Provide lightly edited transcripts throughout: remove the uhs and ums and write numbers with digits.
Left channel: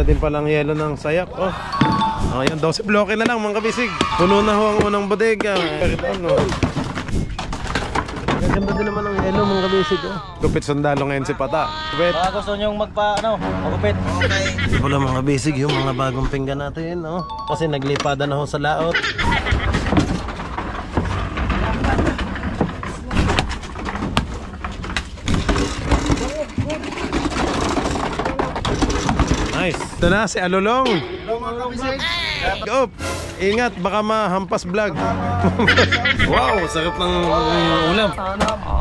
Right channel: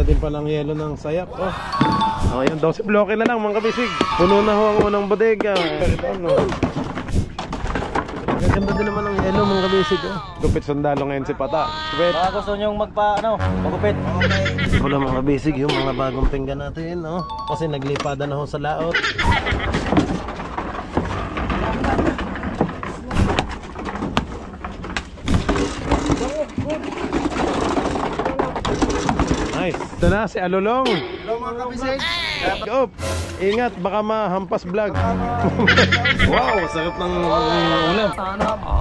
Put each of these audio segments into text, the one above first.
Na din palang yelo ng sayak. Oh. Oh, yung 12 bloke na lang mga kabisig. Puno na ho ang unang bodega. Gaganda din naman ang yelo mga kabisig. Oh. Gupit sundalo ngayon si Pata. Baka gusto nyong magupit. Okay. Wala mga kabisig yung mga bagong pinggan natin. Oh. Kasi naglipada na ho sa laot. Nice. Ito na si Alolong. Hello mga kabisig. Go! Ingat, baka mahampas vlog. Wow, sarap ng ulam.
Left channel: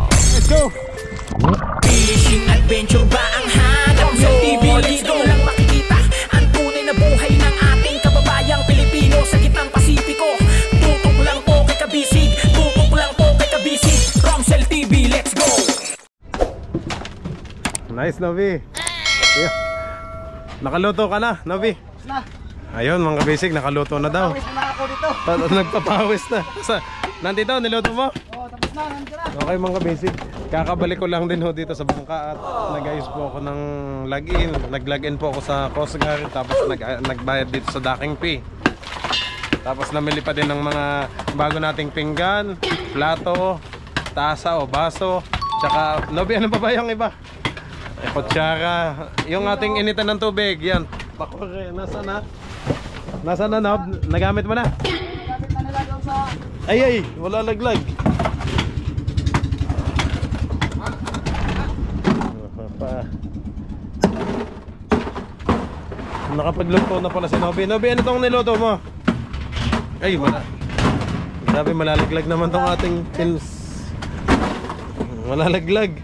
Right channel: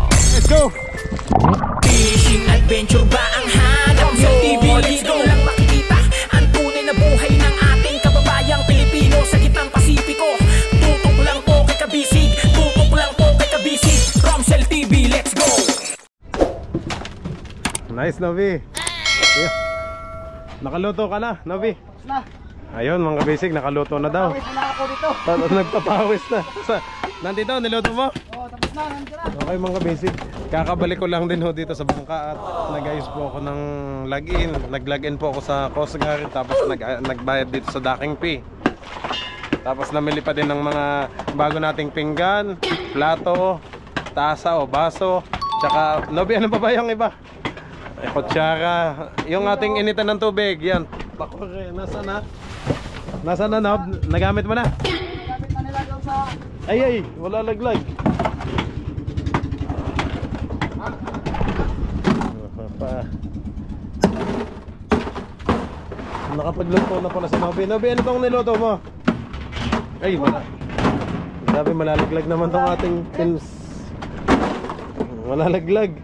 Let's go! Fishing adventure ba ang hanap nyo? Dito lang makikita ang tunay na buhay ng ating kababayang Pilipino sa gitnang Pasipiko. Tutok lang po kay Kabisig, tutok lang po kay Kabisig. Romsel TV, let's go! Nice, Novi. Yeah. Nakaluto ka na, Novi. Na. Ayun, mga kabisig, nakaluto na daw. Pawis na ako dito. Nagpapawis na. Nandito, niluto mo? Oo, tapos na, nandito na. Okay mga kabisig, kakabalik ko lang din ho dito sa bangka at nag-ayos po ako ng log-in. Nag-log-in po ako sa Coast Guard, tapos nagbayad dito sa docking fee. Tapos namili pa din ng mga bago nating pinggan, plato, tasa o baso. Tsaka, Nobi, ano pa ba yung iba? Kutsara, yung ating initan ng tubig, yan. Bakore, nasa na? Nasa na, Nob? Nagamit mo na? Nagamit na nila daw sa... Ay, wala laglag. Nakapagluto na pala si Nobi. Nobi, ano tong niluto mo? Ay, wala. Sabi malalaglag naman tong ating films. Malalaglag.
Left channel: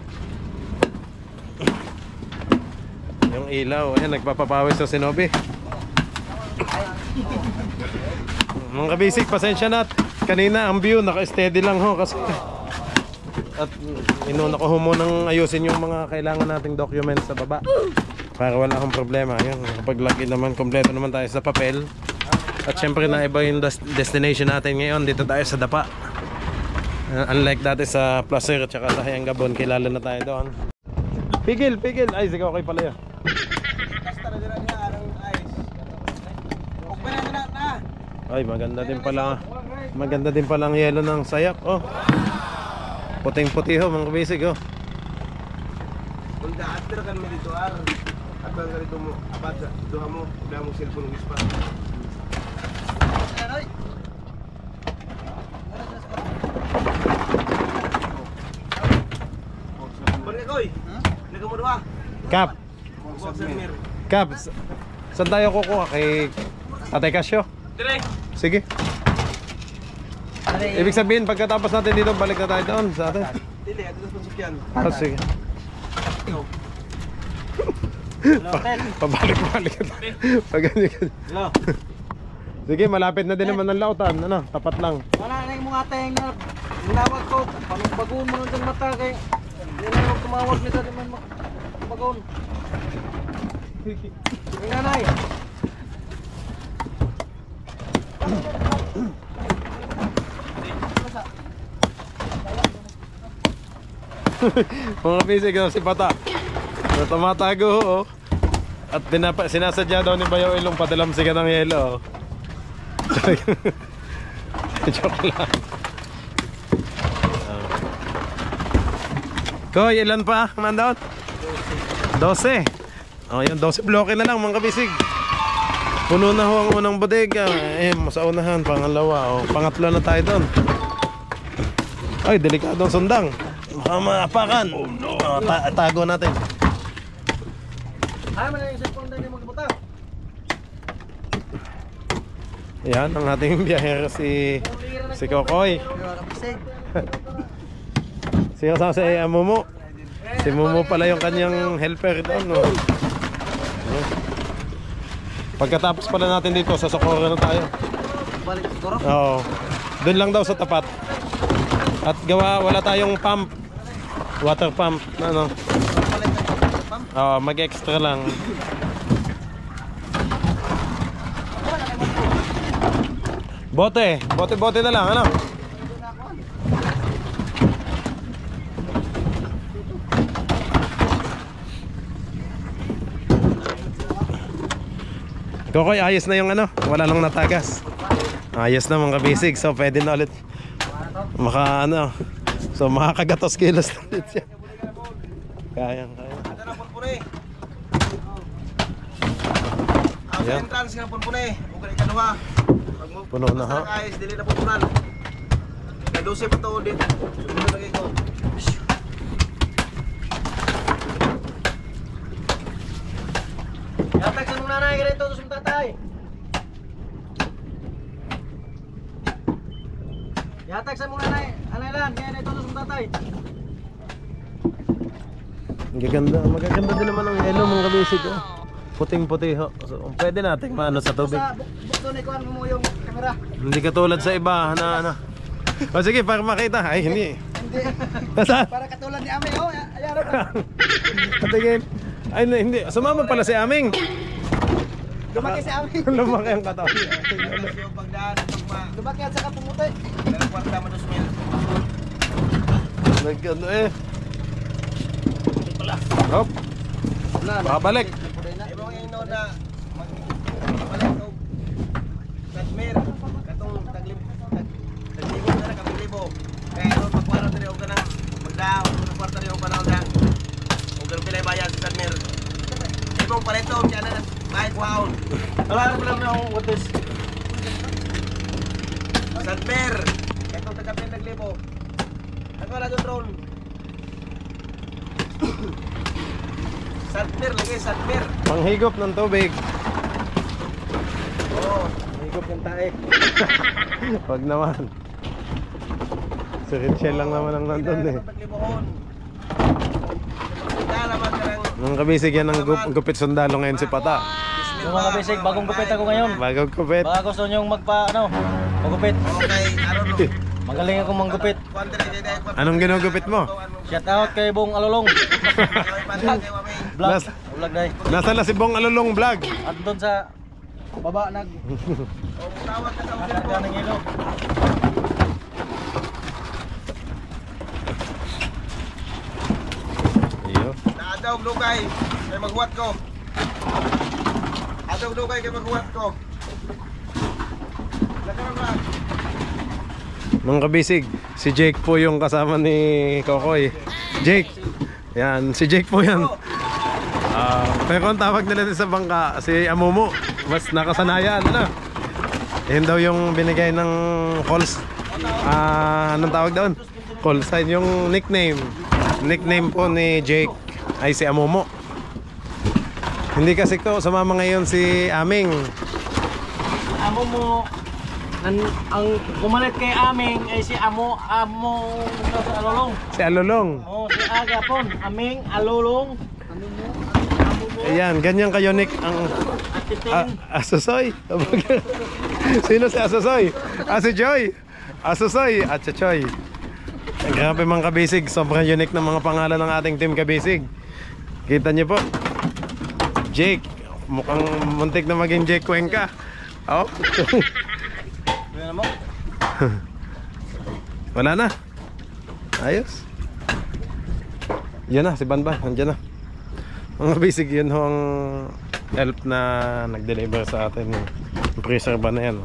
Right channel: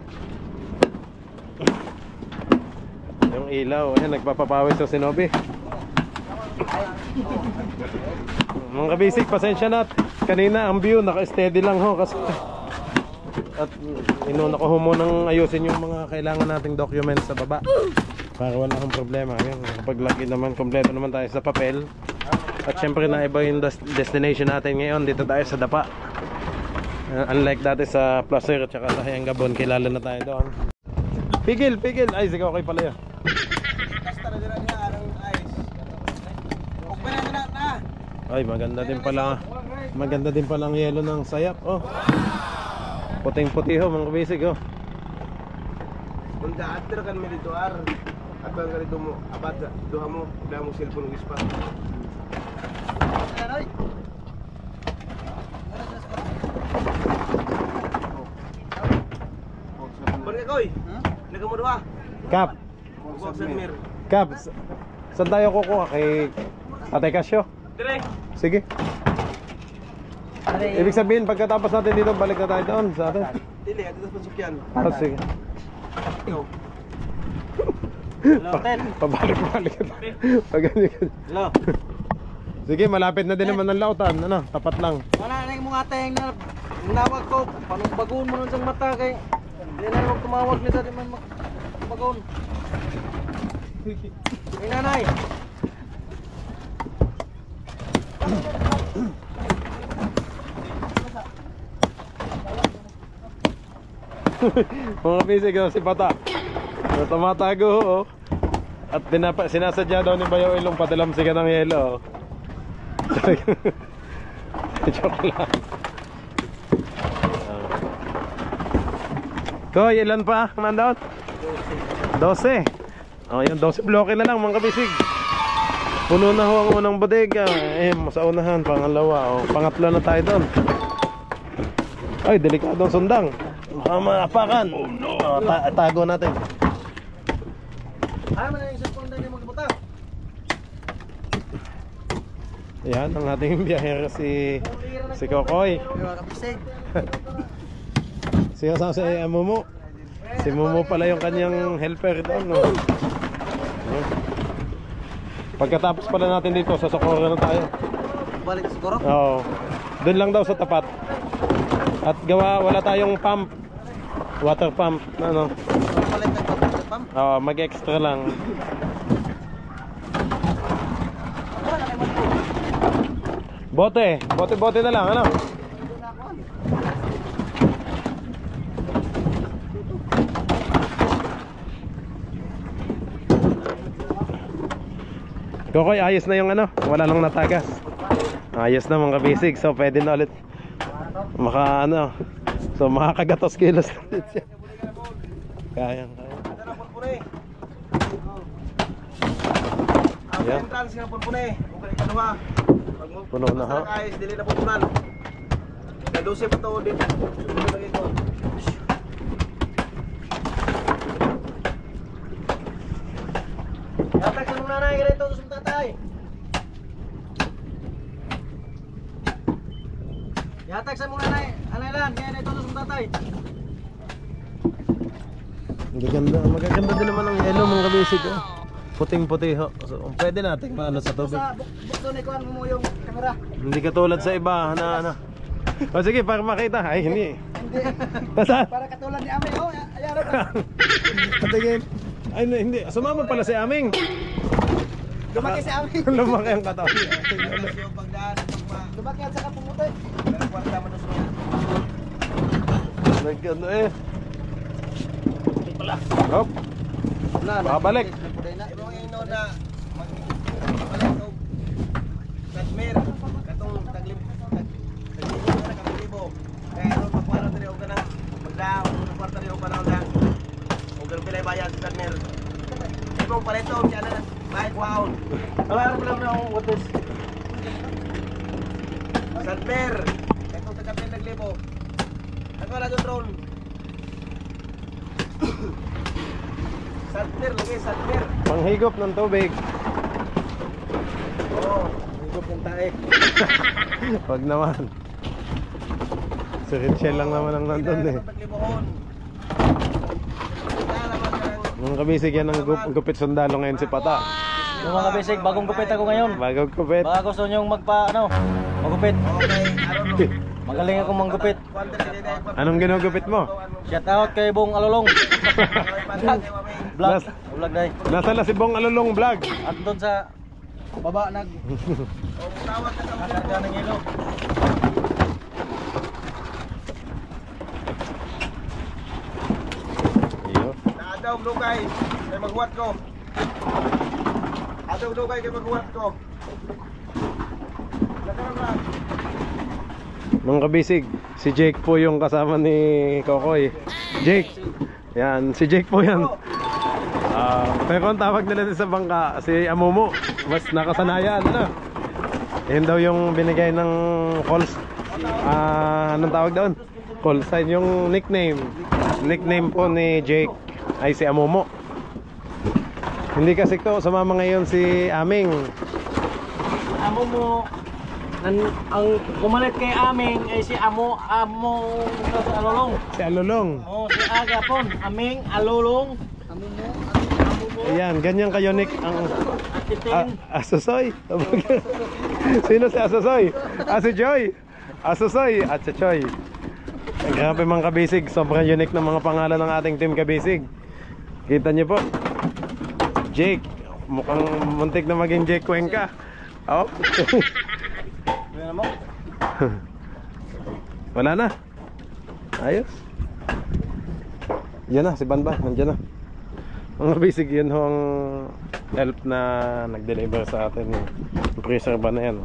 Yung ilaw, ayan, nagpapapawis to si Nobi. Mga kabisig, pasensya na. Kanina ang view, naka-steady lang ho kasi at inuna ko ho munang ayusin yung mga kailangan nating documents sa baba para wala akong problema. Ayan, kapag login naman, kompleto naman tayo sa papel. At syempre na iba yung destination natin ngayon. Dito tayo sa Dapa. Unlike dati sa Placer at saka sa Hayangabon, kilala na tayo doon. Pigil, pigil! Ay, sige, okay pala yun. Ay, maganda din pala. Maganda din pala ang yelo ng sayak. Oh. Puting-puti ho, mga kabisig ho. Kung daatir kan mo dito ar, at ang ganito mo, abad sa duha mo, wala mong cellphone ng ispa. Balik koy, laga mo duha. Kap, Kap, saan tayo kukuha? Kay Tatay Casio? Direk. Sige. Ibig sabihin, pagkatapos natin dito, balik na tayo doon sa atin. Dili, ato sa pansukyan. Oh, sige. Pabalik-balik na tayo. Hello. Sige, malapit na din naman ng lautan. Ano, tapat lang. Wala na yung mga tayang na nawag ko. Panong bagoon mo nun sa mata kay hindi na naman tumawag nito di man bagoon. Yung nanay. Mga bisig si Pata. Tumatago oh. At sinasadya daw ni Bayaw Ilong padalamsigan ng yelo. Joke lang. Koy, ilan pa? Mandaon? 12. Oh, yan 12 bloke na lang mga kabisig. Puno na ho ang unang bodega. Sa unahan, pangalawa. Pangatlo na tayo doon. Ay, delikadong sundang. Baka maapakan. Oh no. Tago natin. Ay, man yung cellphone din magbuta. Yan ang ating biyahero si Kokoy. Siya sa Mumu. Si Mumu pala yung kanyang helper doon. No? Pagkatapos pala natin dito, sa Socorro na tayo. Balik siguro? Oo. Doon lang daw sa tapat. At wala tayong pump. Water pump. Ano? Balik na pump? Oo, mag-extra lang. Bote na lang, ano? Kokoy, ayos na yung ano, wala nang natagas. Ayos na mga kabisig, so pwede na ulit maka ano. So makakagatos kilos na ulit siya. Kaya. Ang entrance nga po na eh. Kung kanina kanuha. Puno na ha. Ayos, dili na po punan. Kadose pa to ulit. Sumunod lagi ko. Yatag sa mong nanay, ganito sa mong tatay. Yatag sa mong nanay, anay lang, ganito sa mong tatay. Magaganda din naman ang yellow mga kabisig. Oh. Puting-puti ho. So, pwede natin maano sa tubig. Sa bukto ni kuhan mo yung kamera. Hindi katulad sa iba na ano. O sige, para makita. Ay, hindi. Hindi. Nasa? Para katulad ni Ame, oh, ayaro ka. Patingin. Ay, hindi. Sumama pala si Aming. Lumaki si Ame. Lumaki ang katawan. Yung pagdaan, Lumaki at saka pumuti. dalang kwarta mo 2,000. Nagkano eh. Hop. Makabalik. Ibang ino na magbalik ko. Kadmer, katong taglibo na kaglibo. Kaya ano pagkwaro diri og kanang magdao, kwarta diri og panahon lang. Og ang pilay bayad sa Kadmer. Ibang palito siya na bayad kwaon. Wala na pala na akong watis. Kadmer, katong taga-pilay taglibo. Ako na doon drone. Sadmer lagi, sadmer. Panghigop ng tubig. Oo. Higop ng tae. Wag naman. Si Richel lang naman ang nandun eh. Taglibohon. Naman ka lang. Nung kabisig yan ng gupit sundalo ngayon si Pata. Yung mga basic, bagong gupit ako ngayon. Bagong gupit. Baka gusto nyong magupit. Okay, aron. Magaling akong manggupit. Anong ginugupit mo? Shout out kay Bong Alulong. Vlog. Nas- Vlog dai. Nasa na si Bong Alulong vlog. At doon sa baba nagkarga ng yelo. Iyo. Naadaw lugay, kay maghuwat ko. Adaw lugay kay maghuwat ko. Lakaran lang. Mga kabisig, si Jake po yung kasama ni Kokoy. Jake. Yan, si Jake po yan. Pero ang tawag nila sa bangka, si Amumu. Mas nakasanayan na. Yan daw yung binigay ng calls. Anong tawag doon? Call sign, yung nickname. Nickname po ni Jake ay si Amumu. Hindi kasi to, sumama ngayon si Aming. Amo mo ang kumalit kay Aming ay si Amo sa Alulong. Si Alulong. Oh, si Agapon, Aming Alulong. Ayan, ganyan ka-unique ang Atitin. Asusoy. Sino si Asusoy? Si Joy. Asusoy at si Choy. Grabe mga kabisig, sobrang unique ng mga pangalan ng ating team kabisig. Kita niyo po. Jake, mukhang muntik na maging Jake Cuenca. Oh. Ano mo? Wala na. Ayos. Yan na, si Banban, nandiyan na. Mga kabisig, yun ho ang help na nag-deliver sa atin. Yung freezer ba na yan?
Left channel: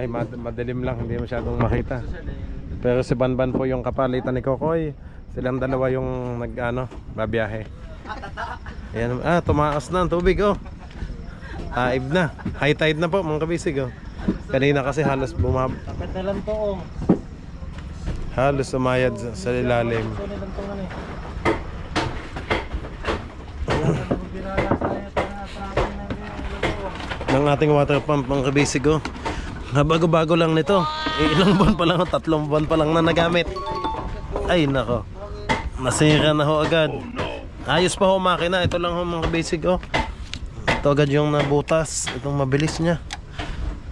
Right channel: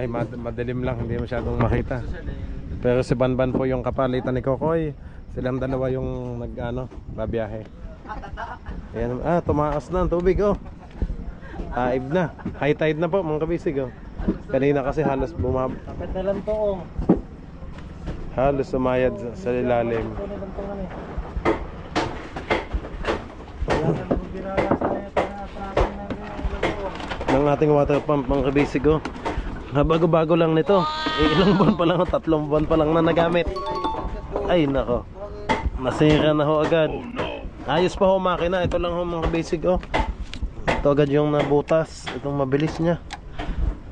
Ay, madilim lang, hindi masyadong makita. Pero si Banban po yung kapalitan ni Kokoy. Silang dalawa yung babiyahe. Ayan, tumaas na ang tubig oh. Taib na. High tide na po mga kabisig oh. Kanina kasi halos Pagdalan to oh. halos sumayad sa ilalim. Ng ating water pump mga kabisig oh. Bago-bago lang nito. Ilang buwan pa lang, 3 buwan pa lang na nagamit. Ay nako. Nasira na ho agad. Ayos pa ho makina. Ito lang ho mga kabisig oh. Ito agad yung nabutas. Itong mabilis niya.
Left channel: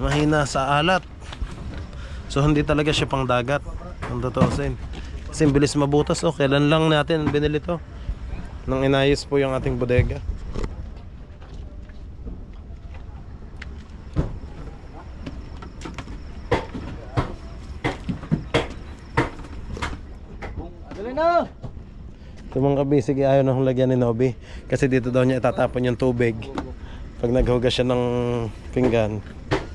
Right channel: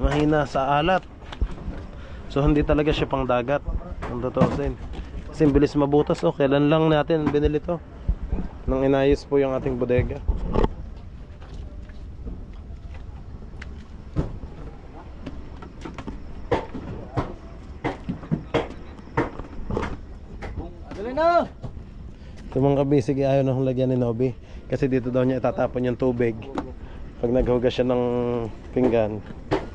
Mahina sa alat. So hindi talaga siya pang dagat. Ang totoo sin. Kasi bilis mabutas oh. Kailan lang natin binili to. Nang inayos po yung ating bodega. Dali na. Ito mga kabisig, ayaw na kong lagyan ni Nobby. Kasi dito daw niya itatapon yung tubig. Pag naghugas siya ng pinggan,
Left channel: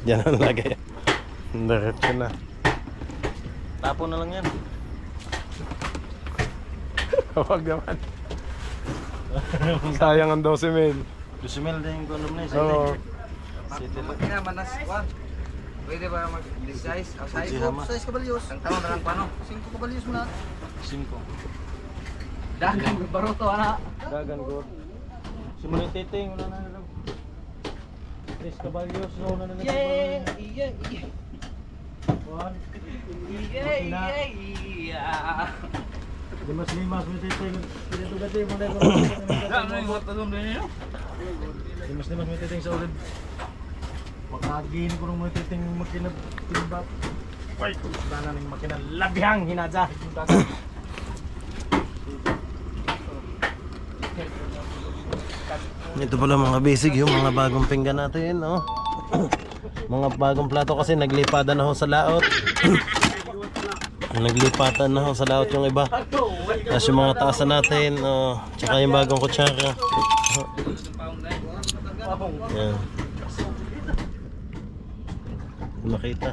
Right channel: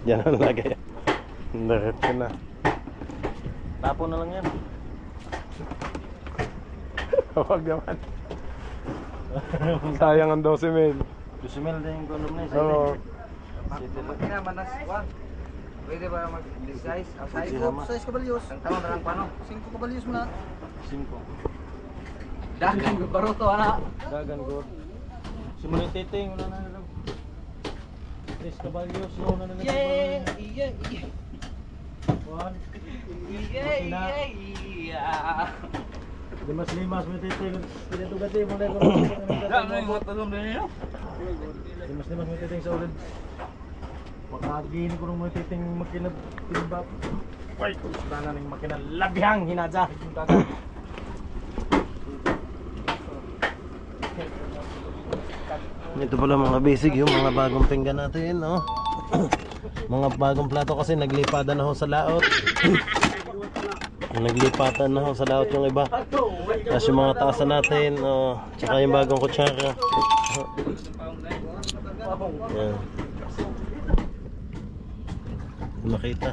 diyan ang lagay. Diretso na. Tapon na lang yan. Huwag naman. Sayang ang 12 mil. Lusimel din yung condom na yun. Oo. Kaya manas, Juan. Pwede ba mag-size? Si Hama. Size kabalyos. Ang taon na lang paano? 5 kabalyos mo na. 5. Dagan ko baro to, ana. Dagan ko. Simulan titing, wala na lang. 3 kabalyos, no na lang. Yeah. Juan. Yeah. Limas, may titing. Pinatugati mo na yung Limas, may titing sa ulit. Pagkagin ko nung may titing makinabab. Uy, sana nang makinalabihang hinadya. Ito pala mga basic yung mga bagong pinggan natin, no? Mga bagong plato kasi naglipatan na ho sa laot. Naglipatan na ho sa laot yung iba. Tapos yung mga taasan natin, tsaka yung bagong kutsara. Yan. Makita.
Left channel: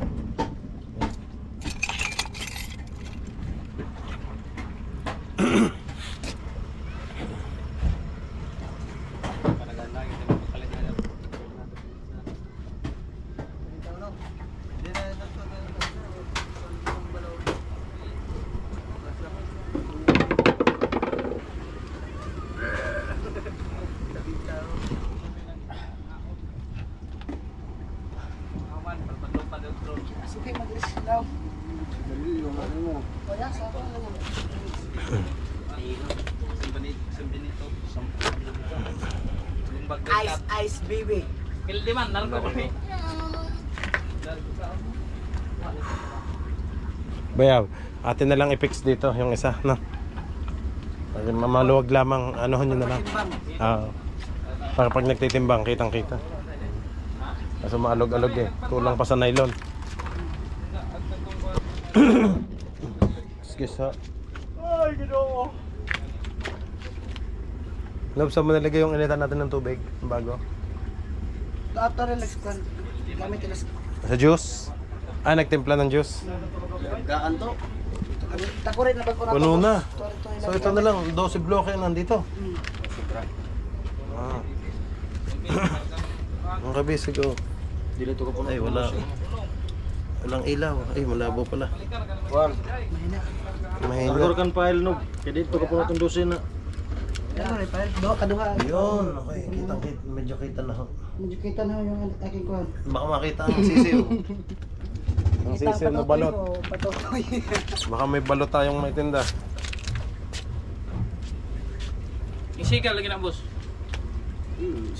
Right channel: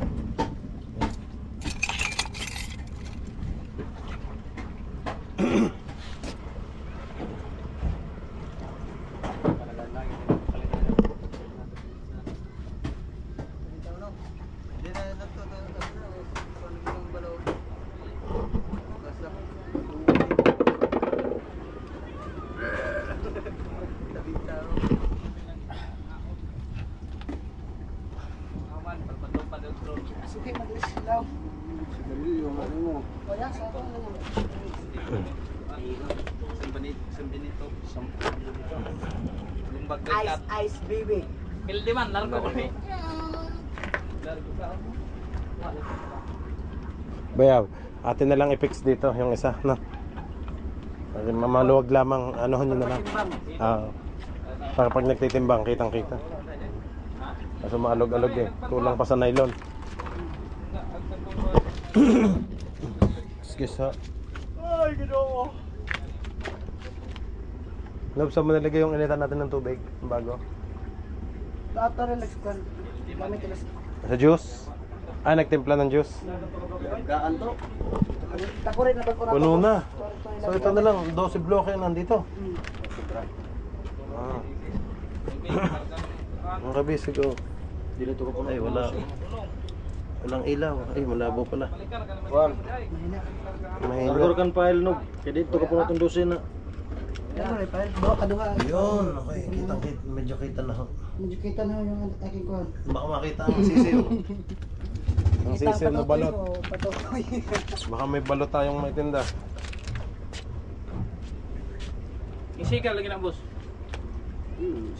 Ice baby. Pildi man, narko kami. Bayaw, atin na lang i-fix dito yung isa, no? Kasi mamaluwag lamang, anuhan nyo na lang. Para pag nagtitimbang, kitang-kita. Kasi maalog-alog eh. Kulang pa sa nylon. Excuse ha. Ay, gano'n. Love, saan mo nalagay yung initan natin ng tubig? Bago? After relax kan. Gamit relax. Sa juice? Nagtimpla ng juice. Gaan to. Takurin na pag Puno na. So ito na lang, 12 bloke nandito. Ang kabisig ko. Ay, wala. Walang ilaw. Ay, malabo pala. Juan, Mahina. nagorkan file no. Kaya dito ka po natin dosin na. Ano rin pa? Do kaduha. Yun, okay. Kitang-kita. Medyo kita na ho. Medyo kita na yung aking kuhan. Baka makita ang sisiw. Ang sisiw na balot. Patokoy. Baka may balot tayong may tinda. Isigal lagi na boss.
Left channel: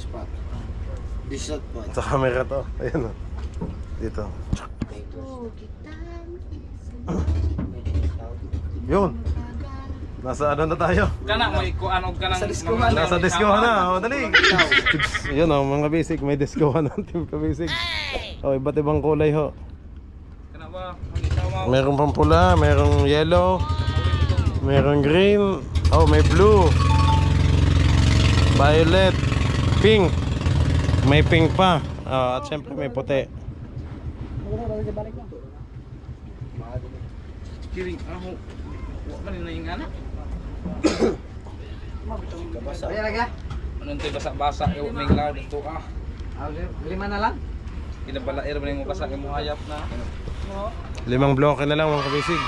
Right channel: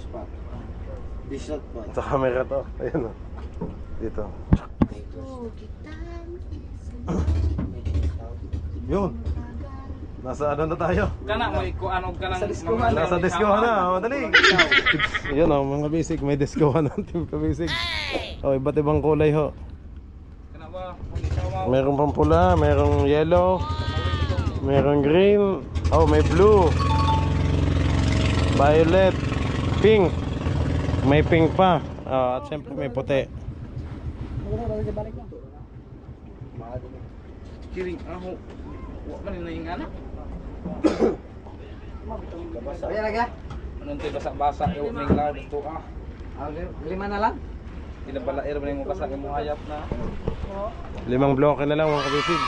Spot. Disot po. Sa camera to. Ayun o. Dito. Yun. Nasa ano na tayo? Kana mo ikuan og kanang Nasa diskohan na. O, dali. Yun o, mga basic. May diskohan ng team ka basic. O, iba't ibang kulay ho. Kana ba? Mag-isaw Merong pampula, merong yellow, merong green, may blue, violet, pink, may pink pa, at syempre may puti. kiring ako. Wa man na yung ana. Ayan lagi. Anong tay basa-basa yung may law dito ah. Lima na lang. Kinabalair man mo basa mo hayap na. 5 bloke na lang mga kabisig.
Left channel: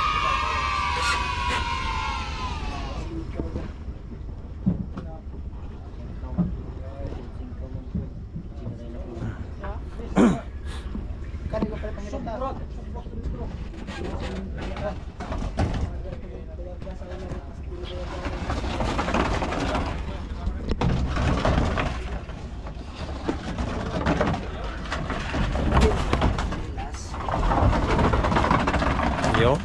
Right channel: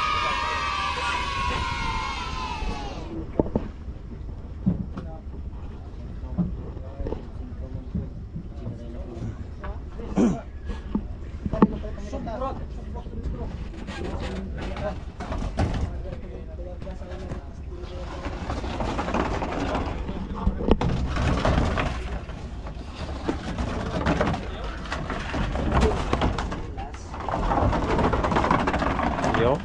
Yo.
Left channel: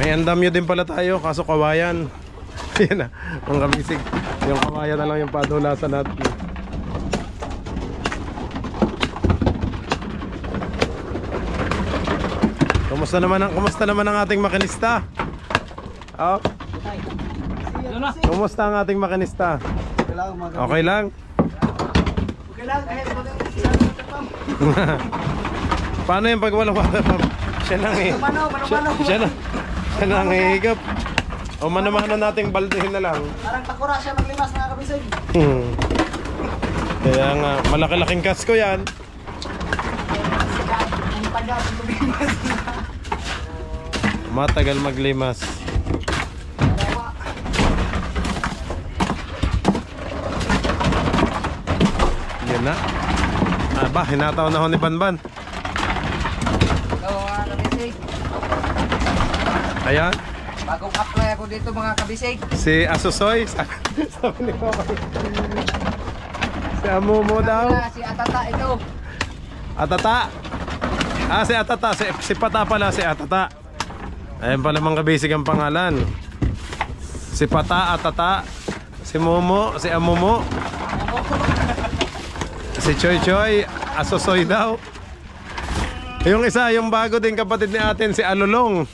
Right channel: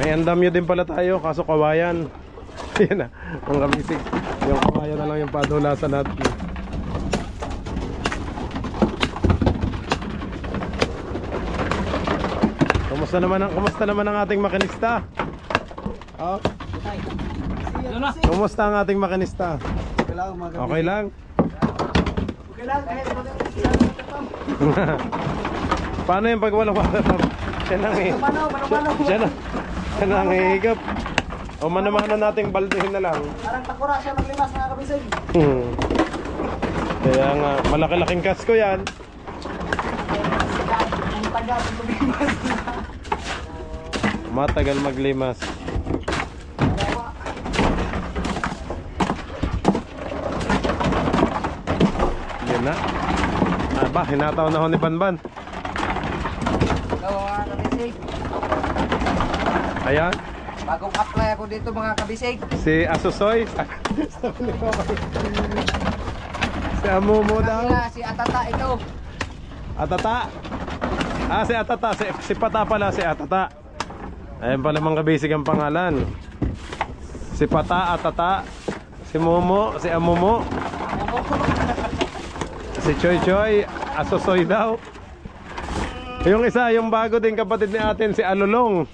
May andamyo din pala tayo, kaso kawayan. Yan na, mga kabisig. Yung kawayan na lang yung padulasan natin. Kumusta naman ang ating makinista? Oh. Kumusta ang ating makinista? Okay lang. Paano yung pag wala siya nang siya nang hihigap. O manamana nating baldehin na lang. Parang takura siya maglimas mga kabisig. Kaya nga, malaki-laking kasko yan. Ang taga ng tumimas na. Matagal maglimas. Yan na. Aba, hinataw na ho ni Banban. Hello mga kabisig. Ayan. Bagong apply ako dito mga kabisig. Si Asusoy. Sabi ni Papa. Si Amumo daw. Si Atata ito. Atata. Ah, si Atata. Si Pata pala, si Atata. Ayan pala mga kabisig ang pangalan. Si Pata, Atata. Si Momo, si Amumo. Si Choy Choy, Asusoy daw. Yung isa, yung bago din kapatid ni atin, si Alulong.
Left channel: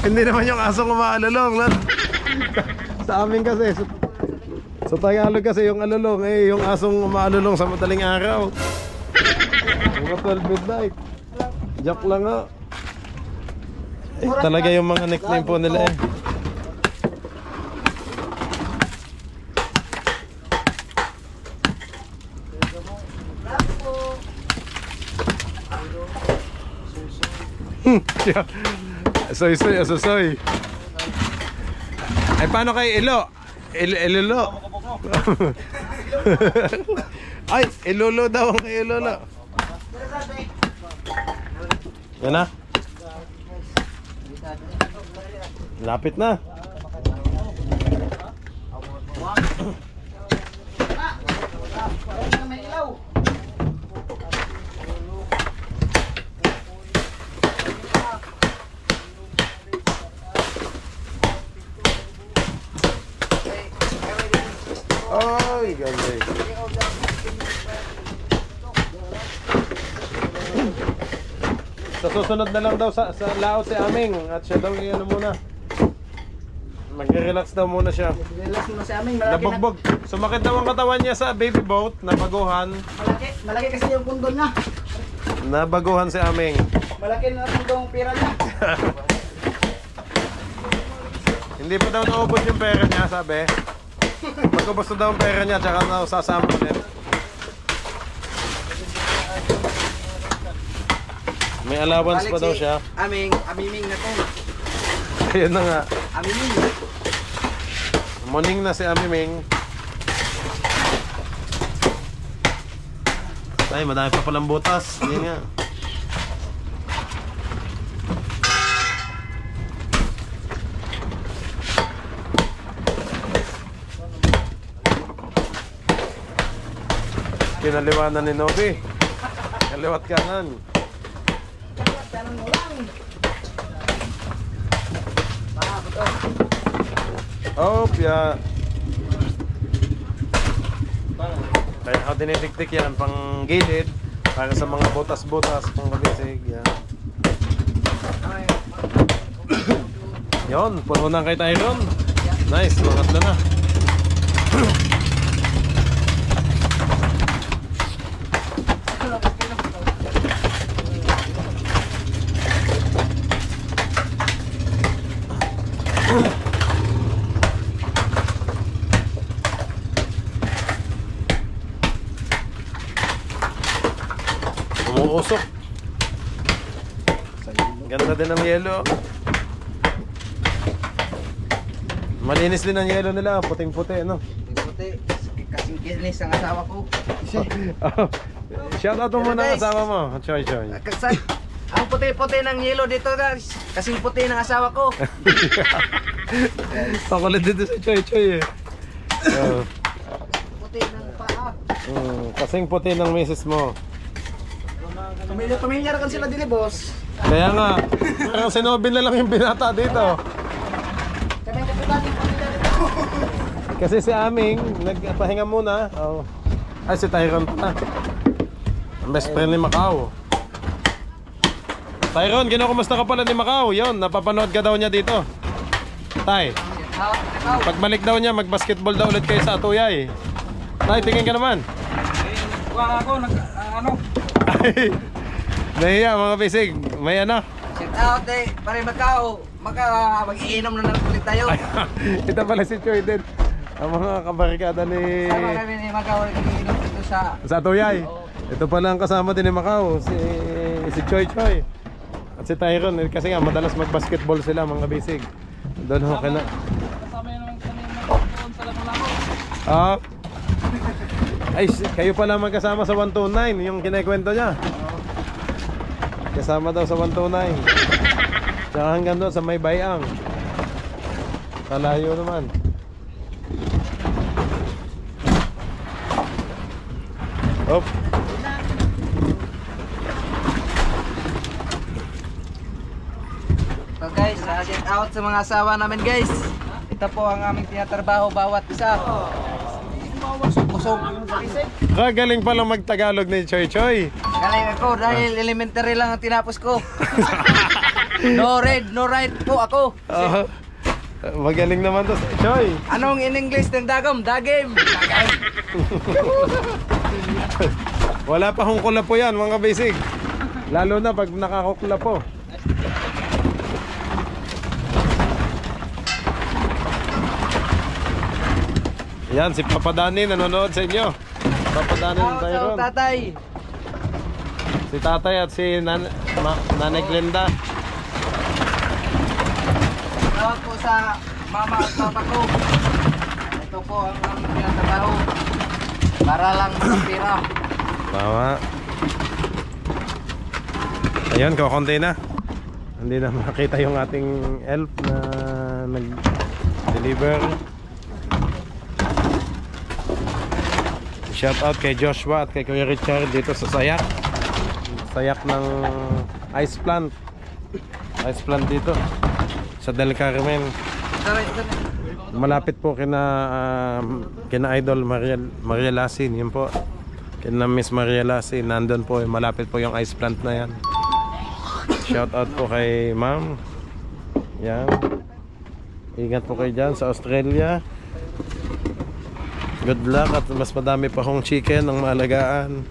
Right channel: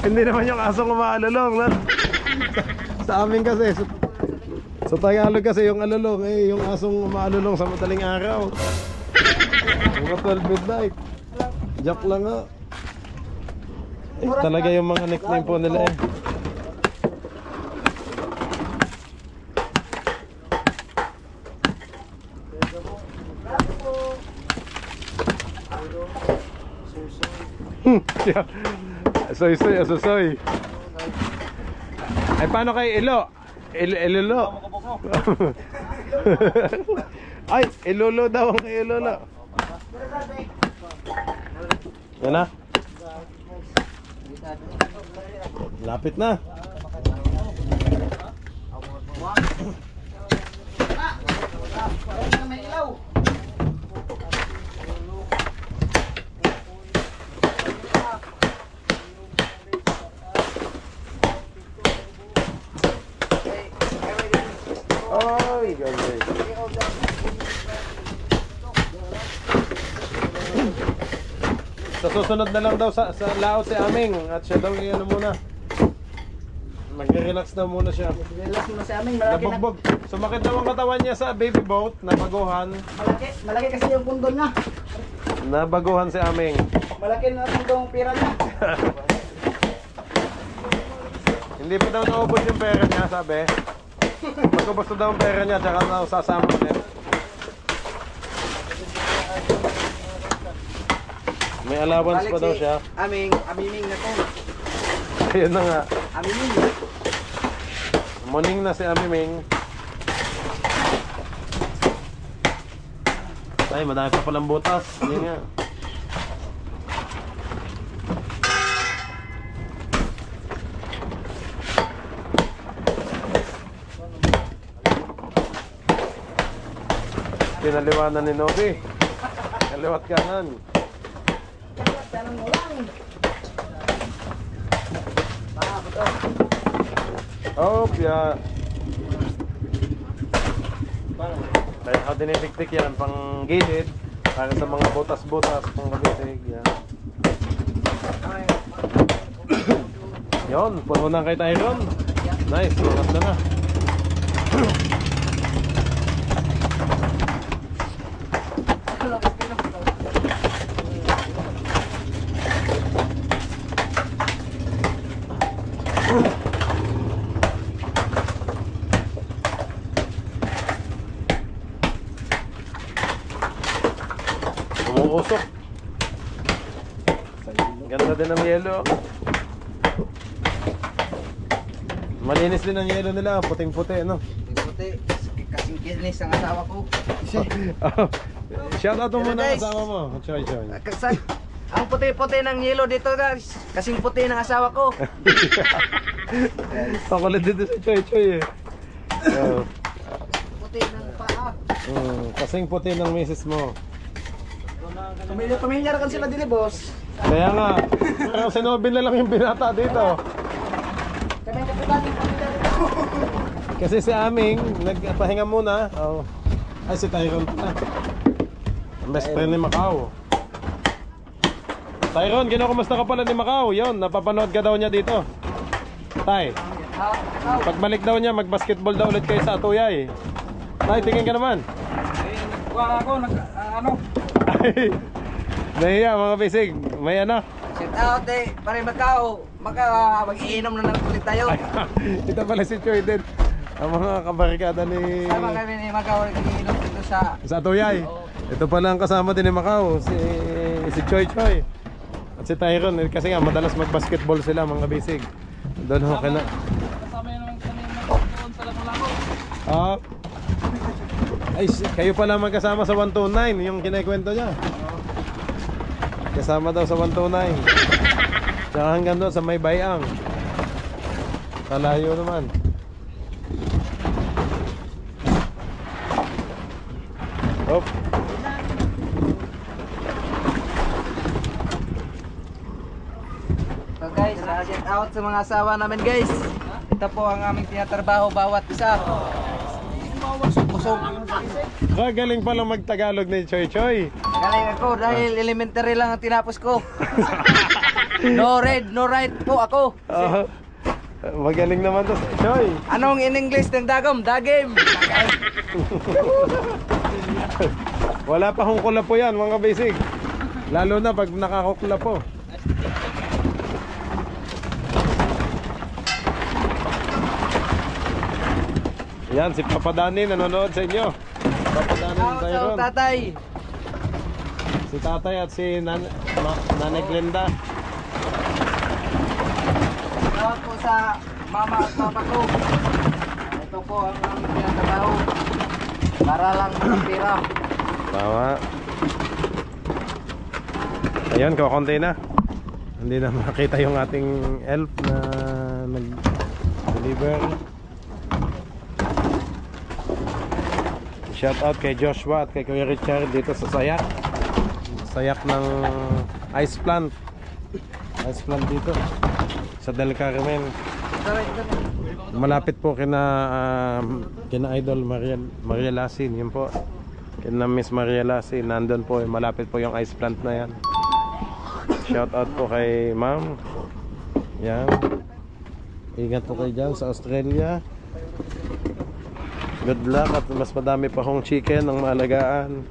Hindi naman yung asong umaalulong. Sa amin kasi, sa Tagalog kasi yung alulong, yung asong umaalulong sa madaling araw. Mga 12 midnight. Joke lang nga. Talaga yung mga nickname po nila eh. Soy, asosoy. Ay, paano kay Ilo? Ilolo. Ay, Ilolo daw ang kay Ilolo. Yan na. Lapit na. May ilaw. Ay, galing. Sa susunod na lang daw sa laot si Aming at siya daw yung ano muna. Mag-relax daw muna siya. Relax mo si aming malaki na. Nabugbog. Sumakit daw ang katawan niya sa baby boat. Nabaguhan. Malaki kasi yung pundol niya. Nabaguhan si Aming. Malaki na pundong pira niya. Hindi pa daw naubos yung pera niya, sabi. Magubos na daw ang pera niya, tsaka na sasama niya. May allowance pa daw siya. Amiming na to. Ayun na nga. Amiming. Morning na si Amiming. Ay, madami pa palang butas. Hindi nga. Pinaliwanan ni Nobi. Kaliwat kanan. Tanong mo lang. Oh, yeah. Kaya ka dinitiktik yan pang gilid para sa mga butas-butas pang kabisig yan. Yon, puno na kay Tyron. Nice, sukat na na. Umuusok. Ganda din ang yelo. Malinis din ang yelo nila, puting-puti, no? Puti. Kasing kinis ang asawa ko. Shout out mo muna ang asawa mo. Choy, choy. Ang puti-puti ng yelo dito guys. Kasing puti ng asawa ko. Pakulit dito si Choy, choy eh. Puti ng paa. Kasing puti ng misis mo. Pamilya kan sila dili boss. Kaya nga, parang si Nobin na lang yung binata dito. Kasi si Aming, nagpahinga muna. Oh. Ay, si Tyron pa. Ang best friend ni Macau. Tyron, kinukumusta ka pala ni Macau? Yun, napapanood ka daw niya dito. Tay, pagbalik daw niya, mag-basketball daw ulit kayo sa Atuyay. Tay, tingin ka naman. Wala ako, ano? Ay, nahiya mga bisig. May ano? Shout out eh, pare Macau. Mag-iinom na ulit tayo. Ito pala si Choy din. Ang mga kabarikada ni... Sama kami ni Macau, mag-iinom dito sa Atuyay. Ito pala ang kasama din ni Macau, si Choy Choy. At si Tyron, kasi nga madalas mag-basketball sila mga bisig. Doon ho kina... kasama yun naman kanina doon sa Lamu-Lamu. Ah. Ay, kayo pala magkasama sa 129, yung kinikwento niya. Kasama daw sa 129. Tsaka hanggang doon sa may bayang. Kalayo naman. Hop. So guys, shout out sa mga asawa namin guys. Ito po ang aming tinatrabaho bawat isa. Usog. Galing pala mag-Tagalog ni Choy Choy. Galing ako dahil elementary lang ang tinapos ko. No read, no write po ako. Magaling naman to si Choy. Anong in English ng dagom? Dagim. Wala pa hong kulapo yan mga basic. Lalo na pag nakakukulapo. Yan, si Papa Danny nanonood sa inyo. Papa Danny ng Tyron. Tatay. Si tatay at si Nanay Glenda. Tawag po sa mama at papa ko. Ito po ang aming tinatrabaho. Para lang sa pira. Tama. Ayun, kakunti na. Hindi na makita yung ating elf na nag-deliver. Shout out kay Joshua at kay Kuya Richard dito sa Sayak. Sayak ng ice plant. Ice plant dito sa Del Carmen. Malapit po kina Idol Maria Lasin, yun po. Kina Miss Maria Lasin, nandun po, malapit po yung ice plant na yan. Shout out po kay Ma'am. Yan. Ingat po kayo dyan sa Australia. Good luck at mas madami pa hong chicken ang maalagaan.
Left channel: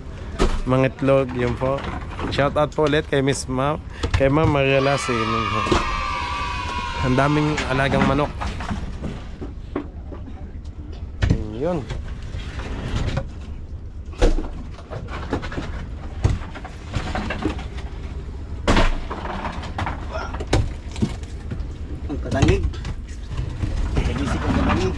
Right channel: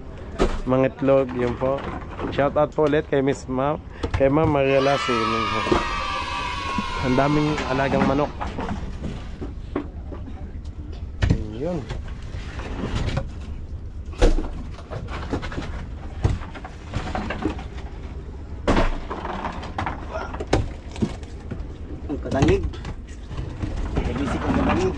Mga itlog, yun po. Shout out po ulit kay Miss Ma'am, kay Ma'am Maria Lasin. Ang daming alagang manok. Yun. Ang kadanig. Kabisik ang kadanig.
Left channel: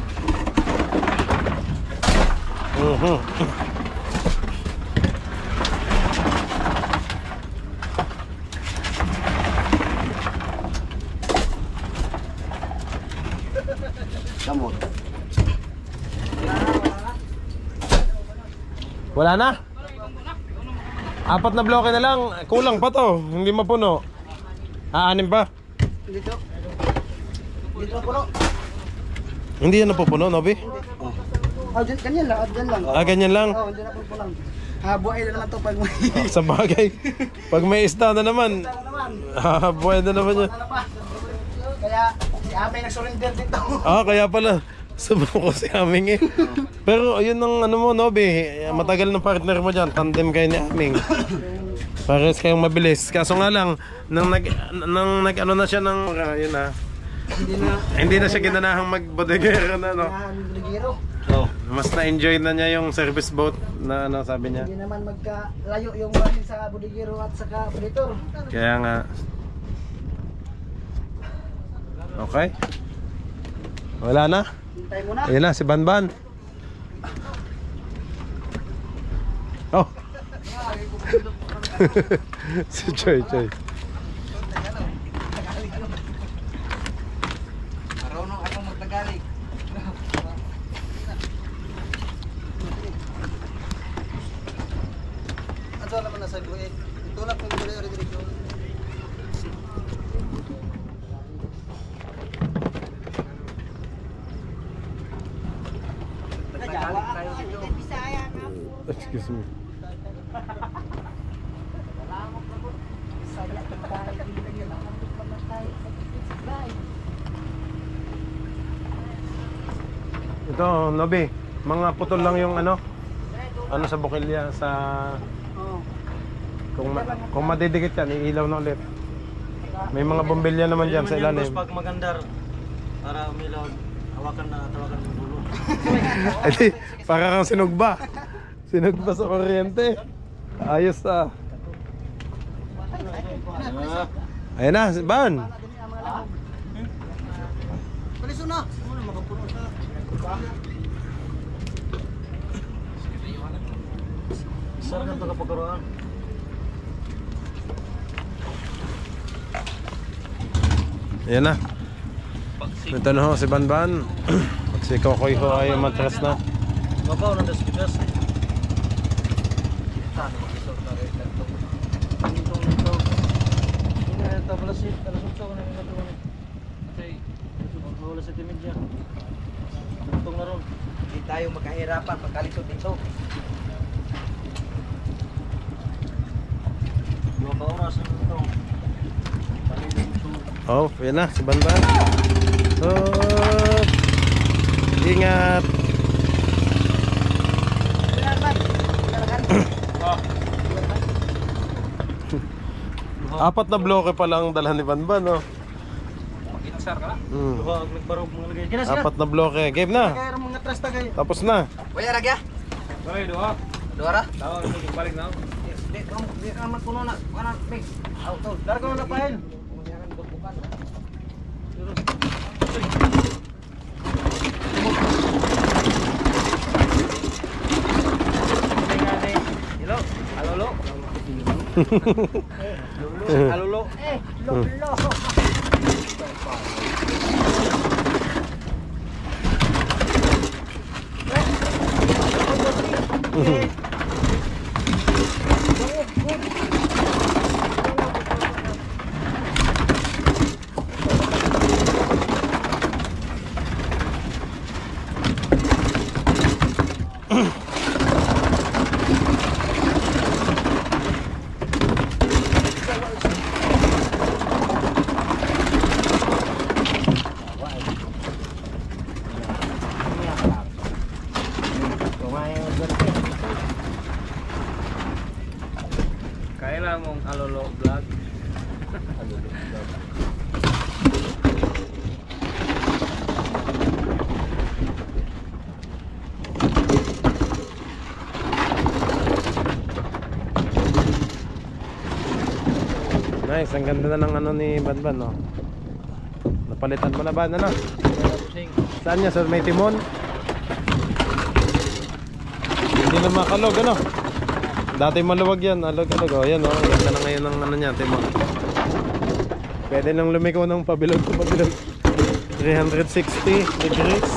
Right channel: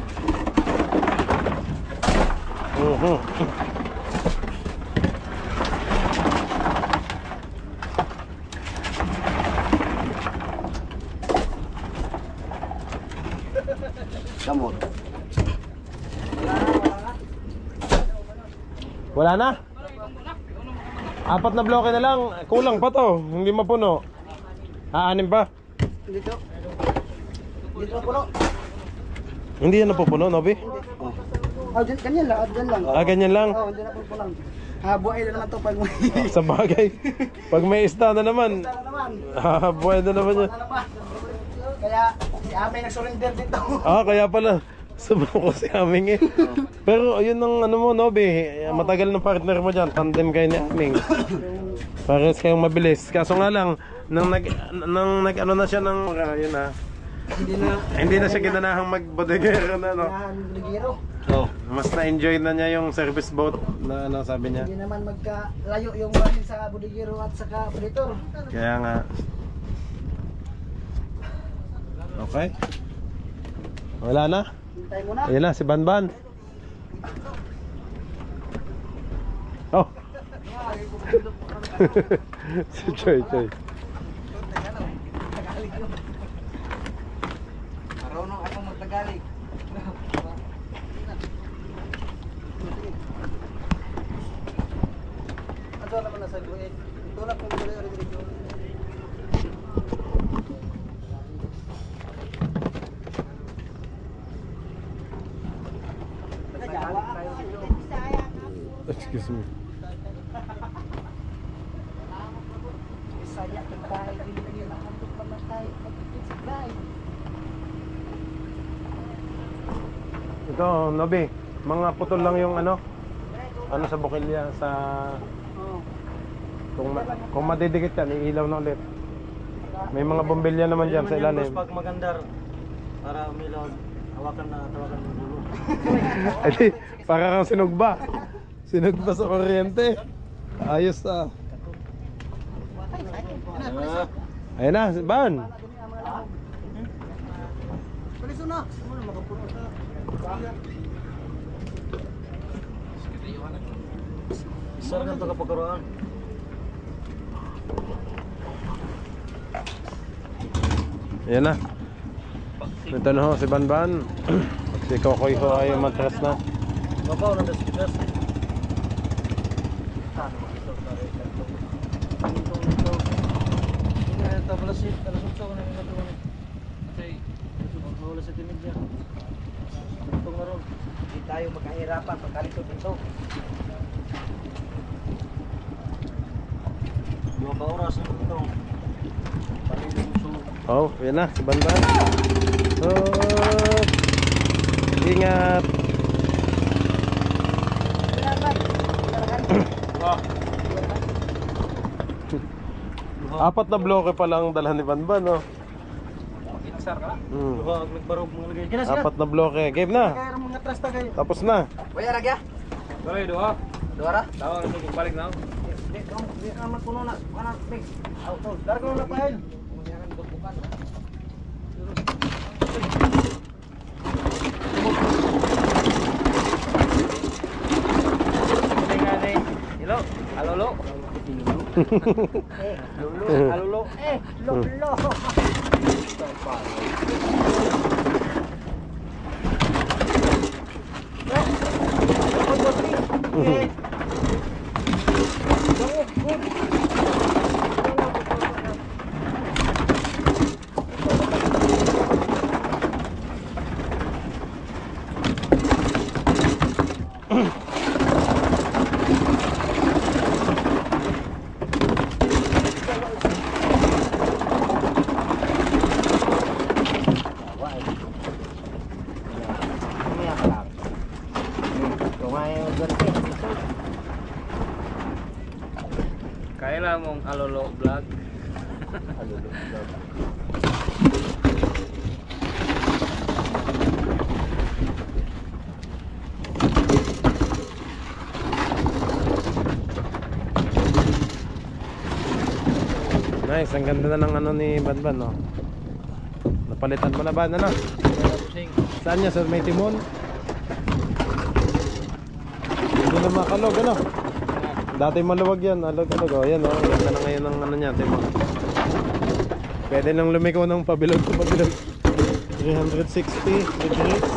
Kamot. Wala na? 4 na bloke na lang. Kulang pa to. Hindi mapuno. Aanim pa? Dito. Dito na puno. Hindi yan napupuno, Nobi? Oh, ganyan lang. Dyan lang. Ganyan lang. Oh, dyan na po lang. Buhay na naman to pag may... Sa bagay. Pag may isda na naman. Buhay na naman yan. Kaya si Amay nag-surrender dito. Kaya pala. Sobrang ko si Aming eh. Pero yun ang ano mo, Nobi. Matagal ng partner mo dyan. Tandem kayo ni Aming. Pares kayong mabilis. Kaso nga lang, nang nag-ano na siya ng... Yun na. Hindi na siya ginanahang mag-bodegero na, no? Ligero. Oh, mas na-enjoy na niya yung service boat na ano sabi niya. Hindi naman magkalayo yung bahin sa bodigero at saka predator. Kaya nga. Okay. Wala na. Hintay mo na. Ayun na, si Banban. Oh. Si Choy Choy. Marunong ako magtagalog. Ato naman nasa buhay. Tulak ng gulay ori dito. Excuse me. Ito, Nobi, mga putol lang yung ano sa bukilya sa kung madidikit yan, iilaw na ulit. May mga bombilya naman dyan sa ilalim. Pag magandar, para umilaw, tawagan ng dulo. Edi, para kang sinugba. Sinugba sa kuryente. Ayos ah. Ayun na, Ban. Paliso na! Ano makapuno sa... Isa na ito kapagaroan. Ayan na. Ito na ho si Banban. Si Kokoy ho ay matras na. Babaw na das kitas. Tablasit, alasukso ko na yung natuwa. Kasi, wala sa timidya. Itong na ron. Hindi tayo magkahirapan pagkalisod dito. 2 oras na ito. Oh, ayan na si Banban. Oh, ingat. Apat na bloke pa lang dalhan ni Banban, no? Inasar ka na? Hmm. Nagbarog mga lagay. Kina Apat na bloke. Game na. Kaya mga trasta kayo. Tapos na. Kuya Ragya? Dua. Dua ra? Tawa na ito balik na. Di ka naman puno na. Kana mix. Auto. Darko na pahin. Kumayaran bukan. Hello. Alolo. Alolo. Lolo. Kaya lang mong alolo vlog. Nice, ang ganda na ng ano ni Banban, no? Napalitan mo na ba? Ano? Saan niya? Sa may timon? Hindi na makalog, ano? Dati maluwag yan, alog-alog. O, yan, o. Ganda na ngayon ng ano niya, timon. Pwede nang lumiko ng pabilog to pabilog. 360 degrees.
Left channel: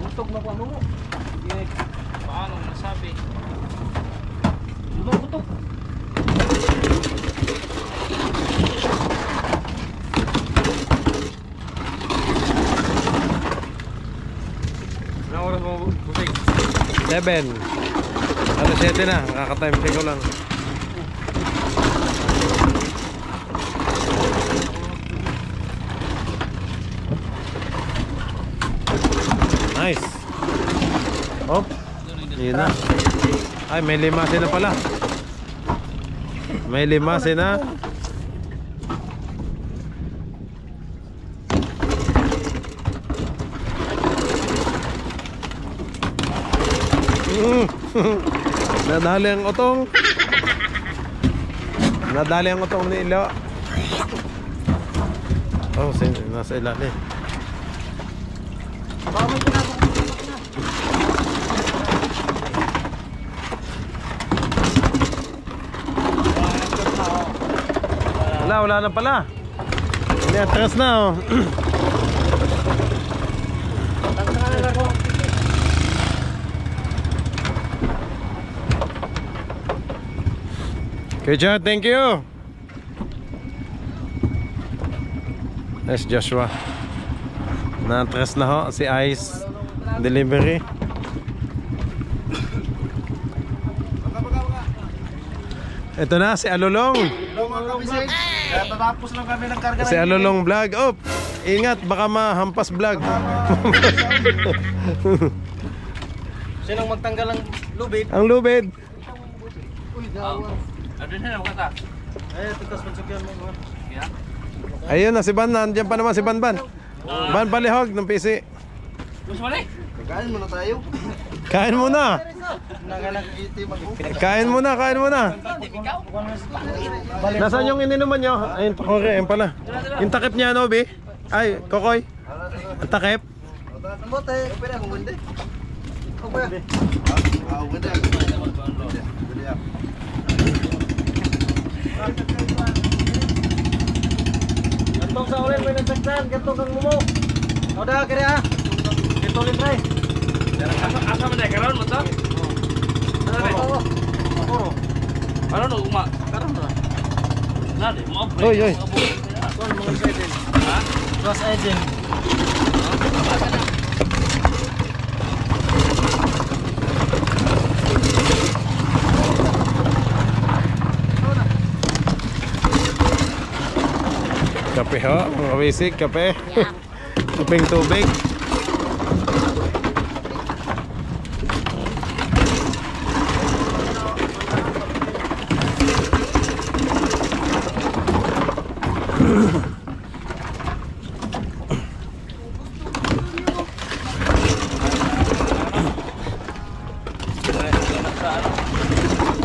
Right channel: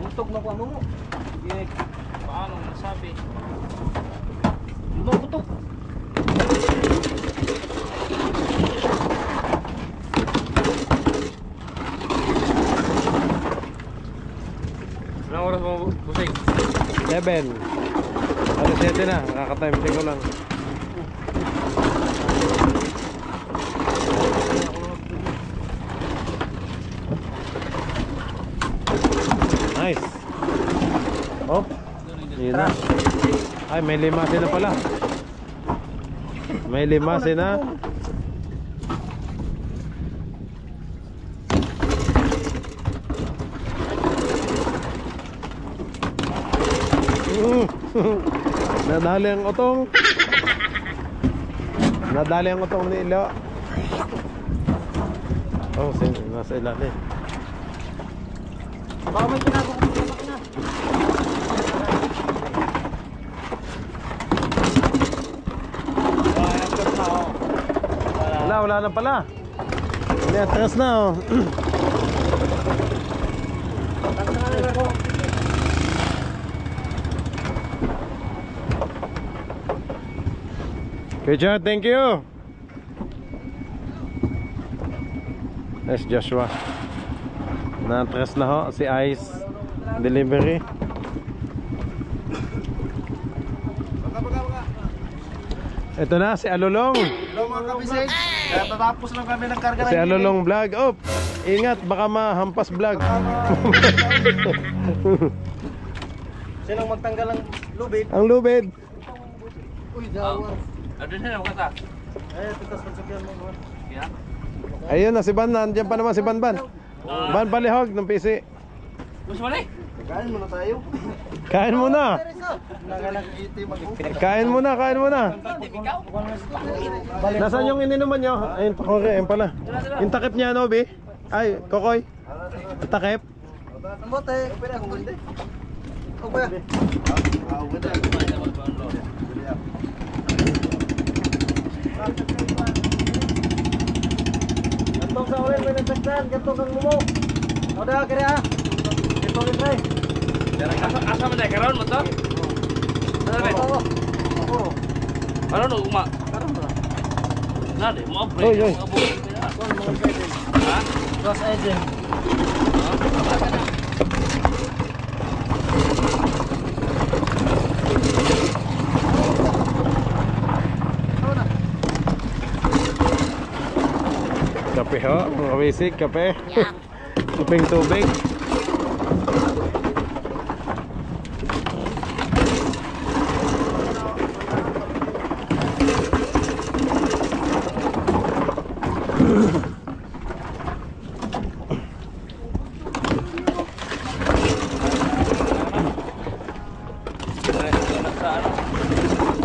Butog na pa mo. Paano nasabi? Lumang butog. Anong oras mo busing? 7. Alas 7 na, nakaka-time check ko lang. Nice. Oh, yun na. Ay, may limasin na pala. May limasin na. Nadali ang utong. Nadali ang utong ni Ilo. Oh, nasa ilalim. Baka may ginagawa ko sa makina. Wala na pala. Hindi, atras na, oh. Good job, thank you. That's Joshua. Na-atras na ho si Ice Delivery. Ito na si Alulong. Hello mga kabisig. Tatapos lang kami ng karga Si Alulong Vlog. Oh, ingat baka mahampas vlog. Sinong magtanggal ng lubid? Ang lubid. Uy, dawa. Ano na kata? Ay, tikas magsagyan mo. Ayun na si Ban, nandiyan pa naman si Ban. Ban palihog ng PC. Mas mali. Kain muna tayo. Kain muna. Nagalang-iti mag-ipin. Kain muna, kain muna. Nasaan yung ininuman nyo? Ayun, pakore, ayun pala. Yung takip niya, no, Bi? Ay, Kokoy. Ang takip. Ang bote. Pwede akong gundi. Ako ba? Ako ganda. Gantong sa ulit, may nagsagdan. Gantong kang lumo. O da, kaya ha. Gantong rin, Trey. Asa man karon mo to? Ano ba? Ako. Karon no uma. Karon na. Nade mo pre. Oy, oy. Ha? Cross agent. Kape ho, mga basic, kape. Tuping tubig.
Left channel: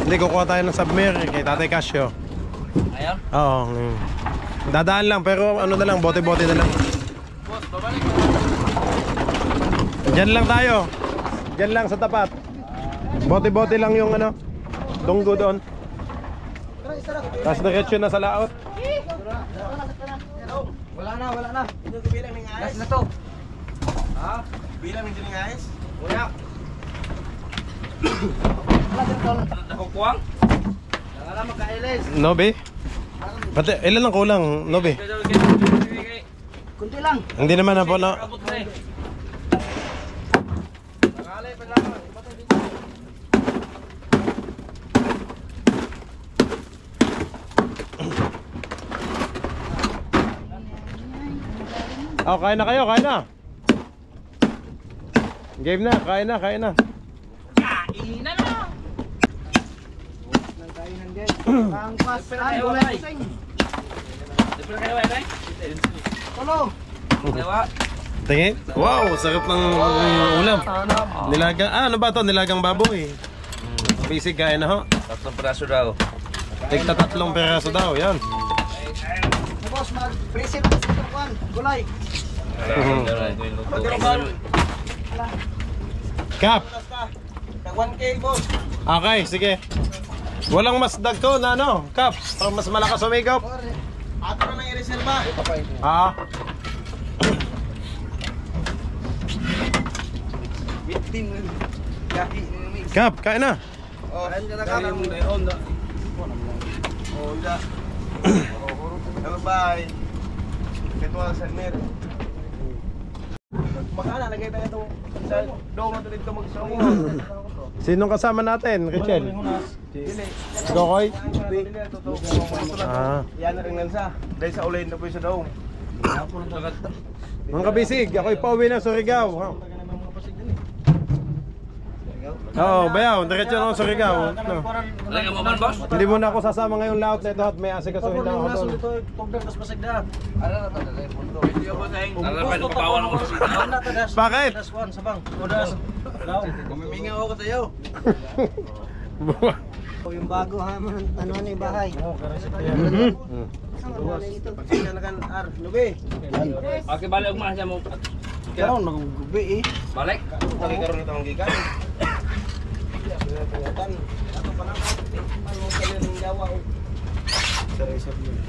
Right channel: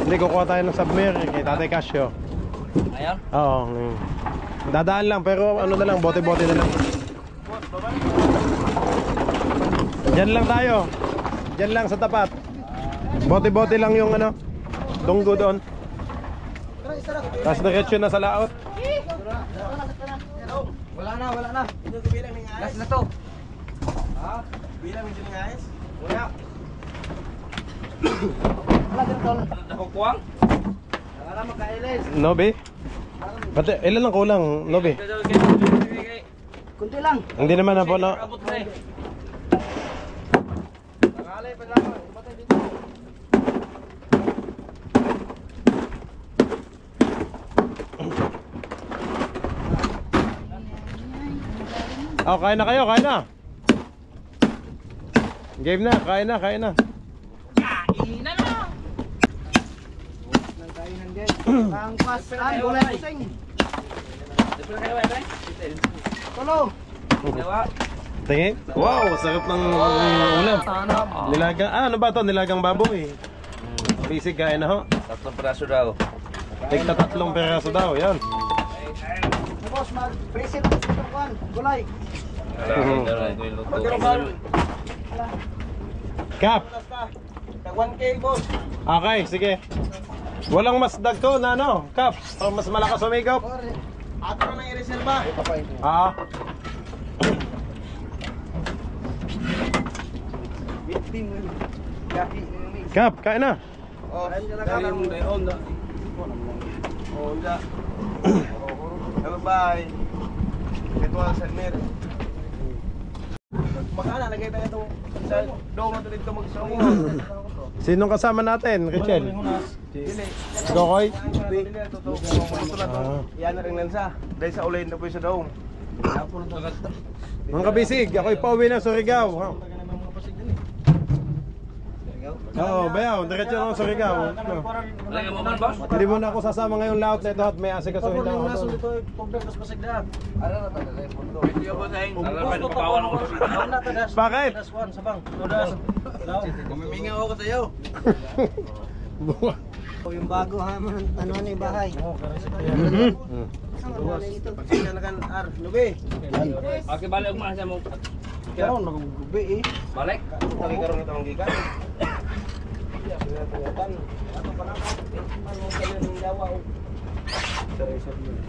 Hindi, kukuha tayo ng submer kay Tatay Casio. Ayan. Oo. Dadaan lang pero ano na lang, bote-bote na lang. Diyan lang tayo. Diyan lang sa tapat. Bote-bote lang yung ano, tunggo doon. Tapos diretso na sa laot. Wala na, wala na. Ito ko bilang ng Last ayos. na to. Ha? Bilang ng ayos. Wala. Wala din to. Nakukuwang. Wala magkailis. Nobe? Pati, ilan lang kulang, Nobe? Kunti lang. Hindi naman na po na. Abot pre. Nakalay pa lang. Ibatay dito. Oh, kain na kayo, kain na. Game na, kain na, kain na. Kainan na. Nang kainan guys. Ang pasan, gulay pusing. Dito kayo ay. Tolo. Dewa. Tingin? Wow, sarap ng ulam. Nilagang, ano ba to? Nilagang baboy. Basic, kain na ho. Tatlong piraso daw. Tigta 3 peraso daw, yan. Boss, mag-preset sa tukuan. Gulay. Pagkaroon. Kap, Tag 1K boss. okay, sige. Walang mas dagko na ano, Kap. Para mas malakas umigop. Ato na nang i-reserva. Ah, Kap, kain na. Oh, kain mo dayon. Oh, ida. Bye. Ito ang Salmer. Magana lagay tayo itong sa dome na dito magsawa. Sinong kasama natin, Richel? Si Kokoy? Ah. Yan na rin nansa. Dahil sa ulayin na po sa dome. Mga kabisig, ako'y pauwi na sa Surigao. Oo, bayaw, diretso na ako sa Surigao. No. Lagi mo man boss. Hindi mo na ako sasama ngayong laot na ito at may asikasuhin lang ako doon. Video ko sa inyo. Ang laban papawan ako sa sita. Bakit? Kumiminga ako sa iyo. Yung bago ha, ano na yung bahay. Pagsina na kan ar, lubi. Okay, balik mo siya mo. Karon magubi eh. Balik. Nakikaroon ito ang gikan.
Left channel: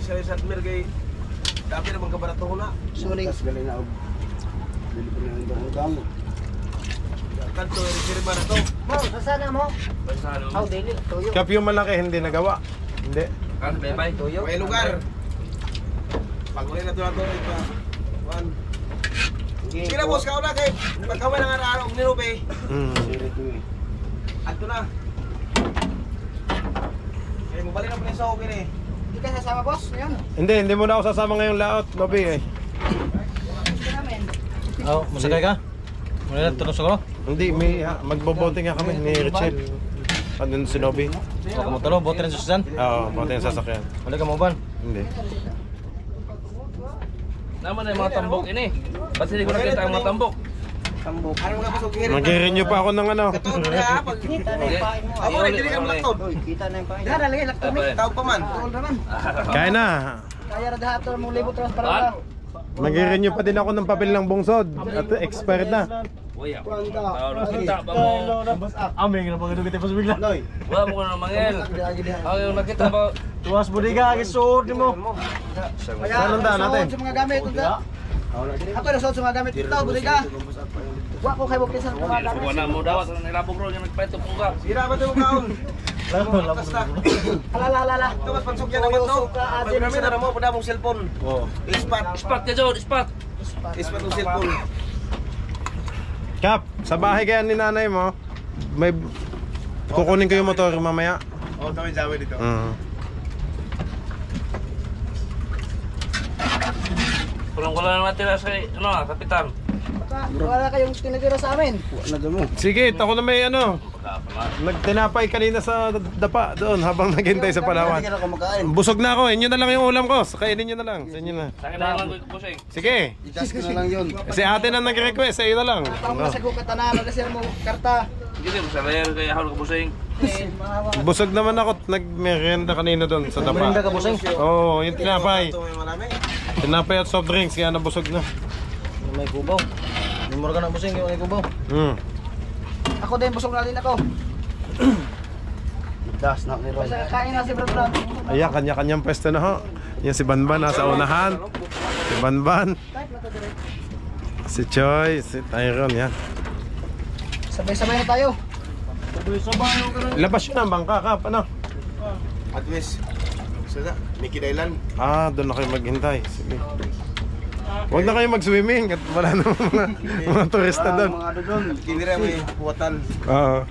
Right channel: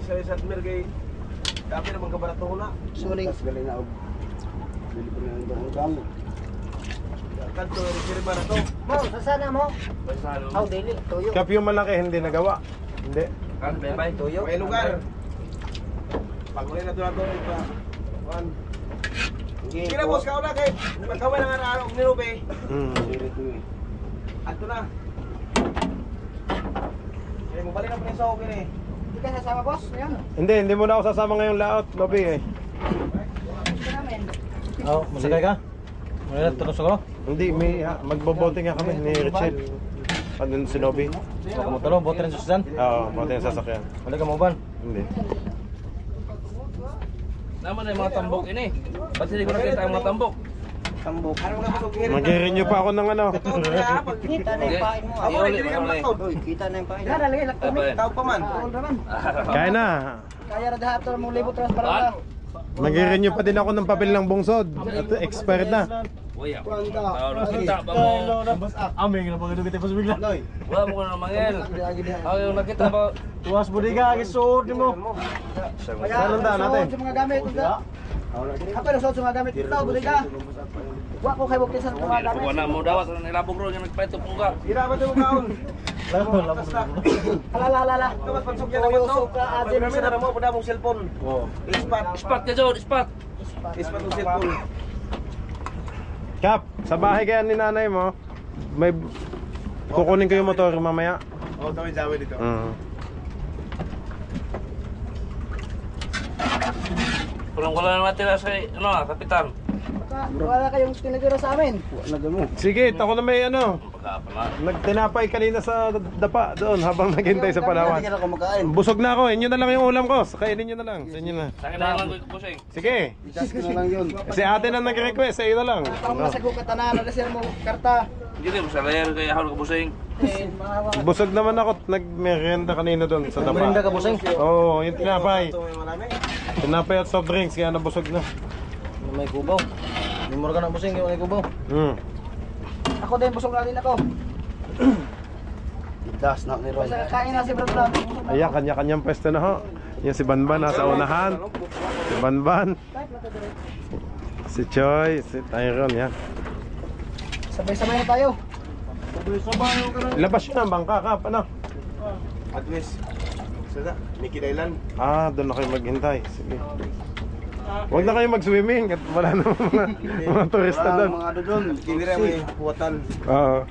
Isa-isa kay dati naman kabarato ko na. Suling. Galing na og. Bili ko na ng damo. Kanto rin ba na to? Mo, nasana mo? How daily? Tuyo. Kap yung malaki hindi nagawa. Hindi. Kan bye. Tuyo. May lugar. Pag-uli na to na to. One. Sige na boss, kao na kay pagkaway ng araw ni Ruby. Ato na. Eh, mabalik na po sa okay eh. Hindi ka sasama boss, yan. Hindi mo na ako sasama ngayong laot, Bobby eh. Oh, masakay ka? Wala tulong sa ko? Hindi, may magbobote nga kami ni Richel. Ano si Nobby? Huwag ka mo tulong, bote rin sa susan. Oo, bote yung sasakyan. Wala ka mo ban? Hindi. Naman na yung mga tambok ini. Ba't hindi ko nakita ang mga tambok? Tambok. Ano mga boss okay? Mag-renew pa ako ng ano. Katulad na pag Kita na yung pain mo. Ako na dili ka lang to. Kita na yung pain. Yan, nalagay lang kami. Tawag pa man. Tungkol naman. Kaya na. Kaya na dahat ito mong libo transparent. Mag-renew pa din ako ng papel ng bungsod. At expired na. Uy, ako. Nakita ba mo? Aming na pag dugit pas bigla. Wala mo ko na mangel. Ako nakita ba? Tuwas budiga gisuod nimo. Saan ang daan natin? Sa mga gamit ito. Ako na sa mga gamit ito, budiga. Wa ko kay bukid sa mga gamit. Wala mo dawat na nilabog ro yung nagpaito pungga. Sira ba ito kaon? Alala. Ito mas pansugyan naman to. Suka, adin, Marami na mo pada mong cellphone. Oo. Ispat ka Jod, ispat. Ispat ng cellphone. Kap, sa bahay kaya ni nanay mo, may kukunin ko yung motor mamaya. Oh, tawid jawi dito. Kulang-kulang naman tira sa kapitan. Wala kayong tinatira sa amin. Sige, ako na may ano. Baka pala. Nagtinapay kanina sa dapa doon habang naghintay sa Palawan. Hindi ka na kumakain. Busog na ako, inyo na lang yung ulam ko. Kainin nyo na lang, sa inyo na. Sa akin na lang ko pusing. Sige, Itas ko na lang yun. si ate na nag-request, sa iyo na lang. Tawag na sa kukatanan, nag-sir mo karta. Hindi din sa layer kaya ako pusing. Busog naman ako, nag-merienda kanina doon sa dapa. Merienda ka, busing? Oo, yung tinapay. Ito may marami. Tinapay at soft drinks, kaya nabusog na. May kubaw. Lumor ka na busing, may kubaw. Ako din, busog na din ako. Das na ni Ron. Kain na si Brad. Ayan, kanya-kanyang pwesto na ho. Yan si Banban nasa unahan. Si Banban. Si Choi, si Tyron, yan. Sabay-sabay na tayo. Labas yun ang bangka, Kap, ano? At least. Sada, Mickey Island. Ah, doon na kayo maghintay. Sige. Huwag na kayo mag-swimming at wala na mga turista doon. Mga ano doon. Kinira may huwatan. Oo.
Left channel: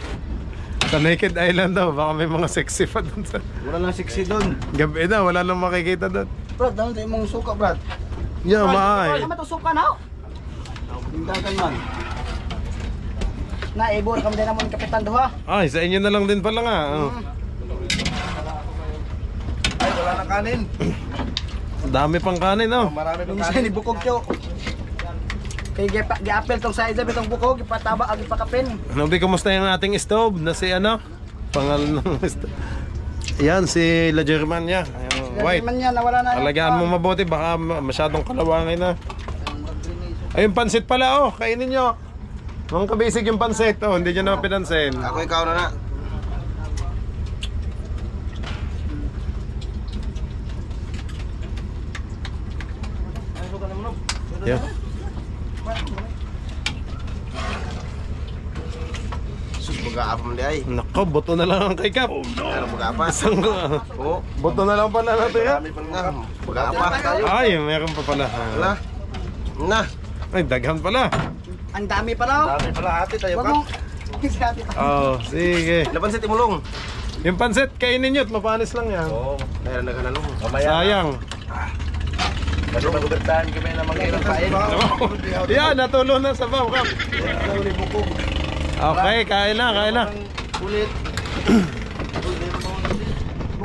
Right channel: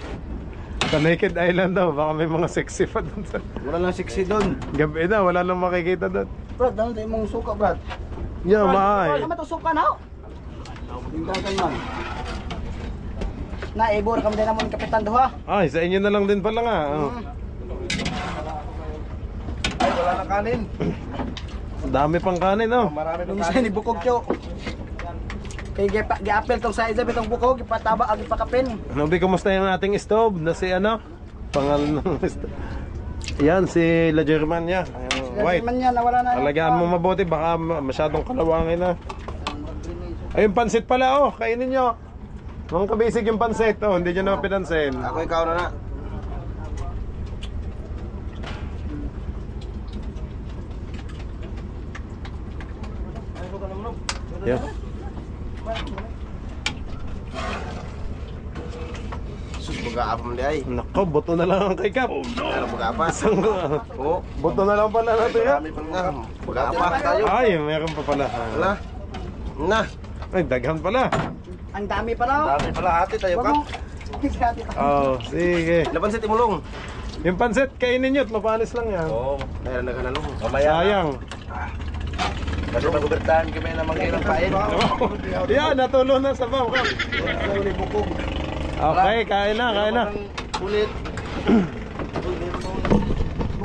Sa Naked Island daw, baka may mga sexy pa doon. Wala lang sexy doon. Gabi na, wala nang makikita doon. Brad, dahil tayo mong suka, Brad. Yeah, maay. Ano to suka na? Tindagan man. Naibor kami din naman kapitan doha. Ay, sa inyo na lang din pala nga. Oh. Ay, wala na kanin. Dami pang kanin, oh. Marami Yung na isa kanin. ni bukog tiyo. Kay gi-apel tong sa Elizabeth tong bukog, ipataba ag ipakapin. Nobi, kumusta yung ating stove na si ano? Pangalan ng stove. Yan, si La Germania. White. Man yan, nawala na. Alagaan mo mabuti, baka masyadong kalawangin na. Ayun, pansit pala, oh. Kainin nyo. Mga kabisig yung pansit, oh. Hindi nyo na pinansin. Ako ikaw na na. Yeah. Sus, mag-aapa mo di ay. Nako, buto na lang ang kay Kap. Ano mag-aapa? Isang Oo. buto na lang pala natin, ha? Marami pa nga. Mag-aapa tayo. Ay, meron pa pala. Na. Na. Ay, daghan pala. Ang dami pala. Dami pala ate tayo Wag ka. mo. Hati pa. Oh, sige. Laban sa timulong. Yung pansit, kainin nyo at mapanis lang yan. Oo. Kaya naghanalo. Sayang. Kasi magubertahan kami na mag-irang pain. Yan, natulo na sa baw, Kap. Okay, kain na, kain na. Ulit.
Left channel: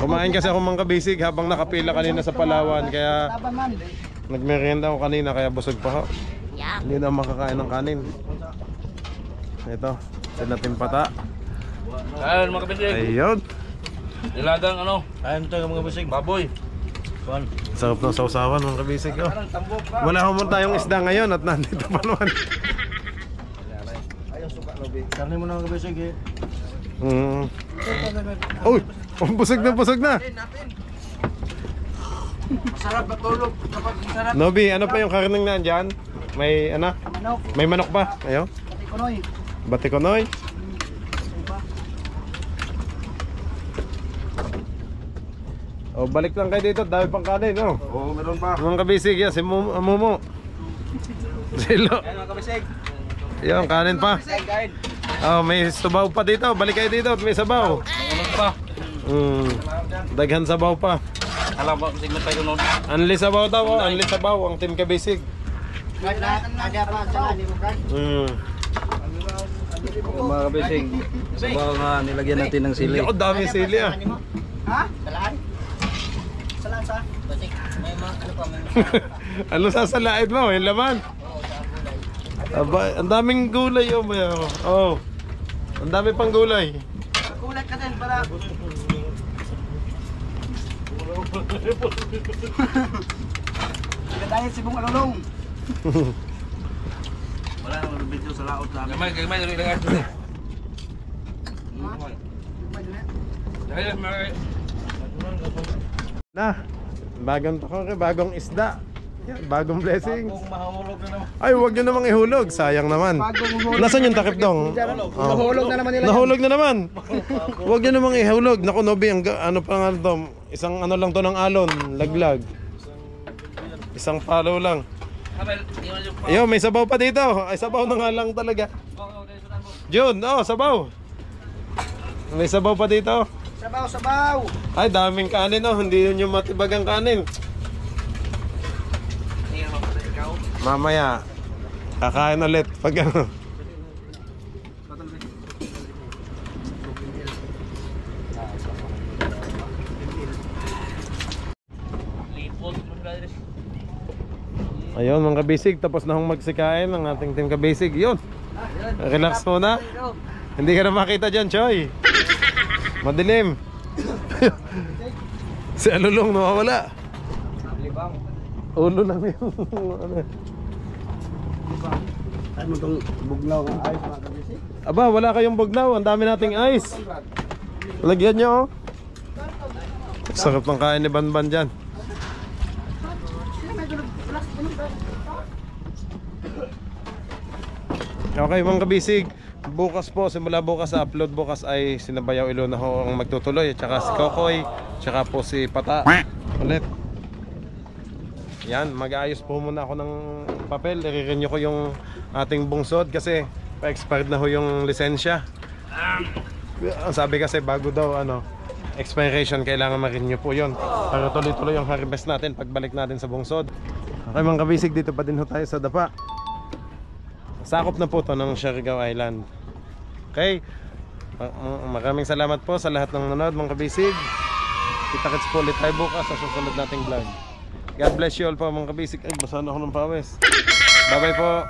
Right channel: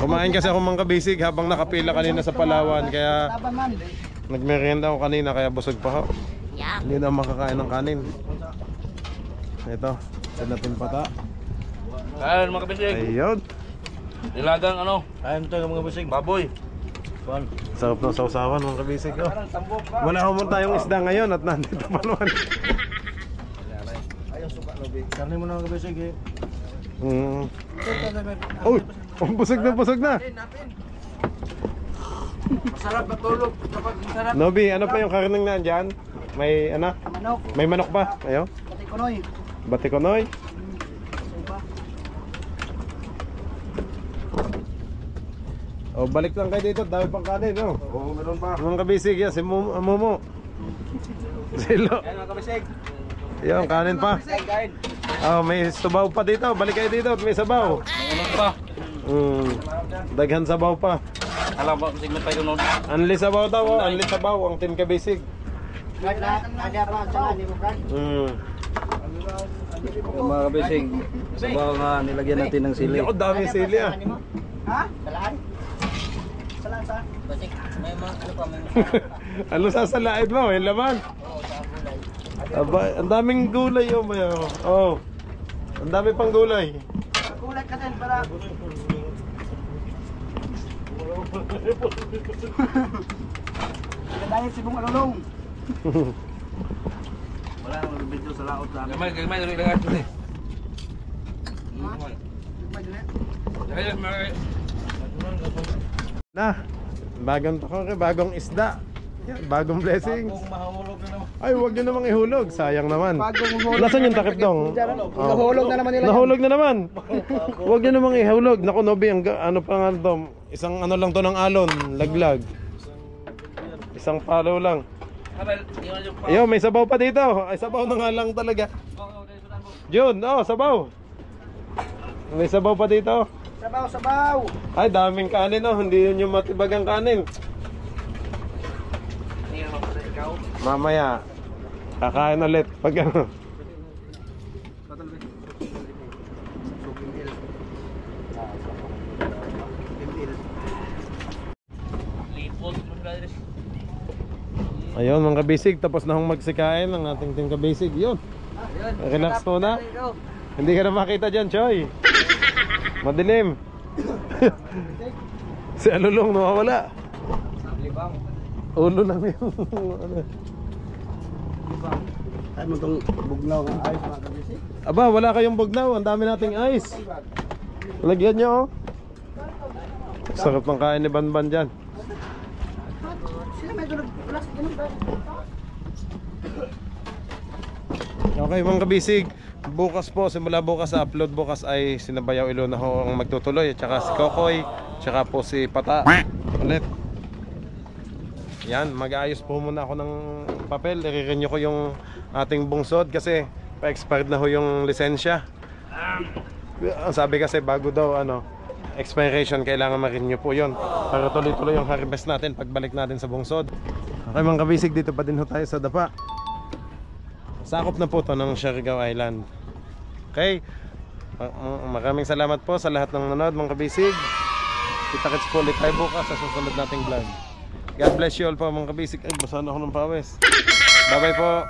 Kumain kasi ako mga kabisig habang nakapila kanina sa Palawan. Kaya Laban man. nagmerienda ako kanina, kaya busog pa ako. Hindi na makakain ng kanin. Ito, sinatin pata. Ayun mga kabisig. Ayun. Nilagang ano? Ayun to mga busing. Baboy. Sarap ng sausawan mga kabisig. Oh. Wala naman tayong isda ngayon at nandito pa naman. Ayaw suka no be. Karne mo na mga busing eh. Uy, busog na, busog na. Masarap matulog. Dapat masarap. Nobi, ano pa yung karneng nandyan? May ano? Manok, May manok pa? Ayo. pati kunoy. Batikonoy. O, balik lang kayo dito. Dami pang kanin, no? Oo, meron pa. Mga kabisig yan, si Momo. Silo. Ayan mga kabisig. Yung kanin pa. Kain. Oh, may sabaw pa dito. Balik kayo dito at may sabaw. Ano pa? Daghan sabaw pa. Alam ba siglo tayo noon? Anli sabaw daw, oh. Anli sabaw ang Team Kabisig. Ada pa sa ni mo kan? Mga kabisig, sabaw nga nilagyan natin ng sili. Ako dami sili ah. Ha? Salaan? Salaan sa? Basik. May mga ano pa, may Ano sasalain mo? Yung laman? Aba, ang daming gulay oh, may oh. Ang dami pang gulay. kulat ka din para. Kadangin si Bung Alulong. Wala nang video sa laot sa amin. Gamay dali lang ito eh. Na, bagong tokoke, bagong isda. Yan, bagong blessing. Mahulog na naman. Ay, huwag nyo namang ihulog. Sayang naman. Nasaan yung takip dong? Nahulog na naman nila. Nahulog na naman. Huwag nyo namang ihulog. Naku, Nobi, ano pa nga to? Isang ano lang to ng alon. Laglag. Isang palo lang. Ayun, may sabaw pa dito. Ay, sabaw na nga lang talaga. Jun, oh, sabaw. May sabaw pa dito. Sabaw, sabaw. Ay, daming kanin oh. Hindi yun yung matibagang kanin. Mamaya, kakain ulit pag ano. Ayun mga kabisig, tapos na hong magsikain ng ating Team Kabisig. Yun, relax muna. Hindi ka na makita dyan, Choy. Madilim. Si Alulong nawawala. Ulo lang yung ano. Ay mo tong bugnaw ng ayos mga kabisig. Aba, wala kayong bugnaw. Ang dami nating ice. Lagyan nyo oh. Sarap ng kain ni Banban dyan. Okay mga kabisig, bukas po, simula bukas sa upload bukas ay sinabayaw Ilona ho ang magtutuloy. Tsaka si Kokoy, tsaka po si Pata ulit. Yan, mag-aayos po muna ako ng papel. I-renew ko yung ating bungsod kasi pa-expired na ho yung lisensya. Ang sabi kasi bago daw ano, expiration kailangan ma-renew po yun para tuloy-tuloy yung harvest natin pagbalik natin sa bungsod. Okay mga kabisig, dito pa din ho tayo sa Dapa. Sakop na po to ng Siargao Island. Okay, maraming salamat po sa lahat ng nanood mga kabisig. Kita-kits po ulit tayo bukas sa susunod nating vlog. God bless you all po mga kabisig. Ay, basahan ako ng pawis. Bye bye po.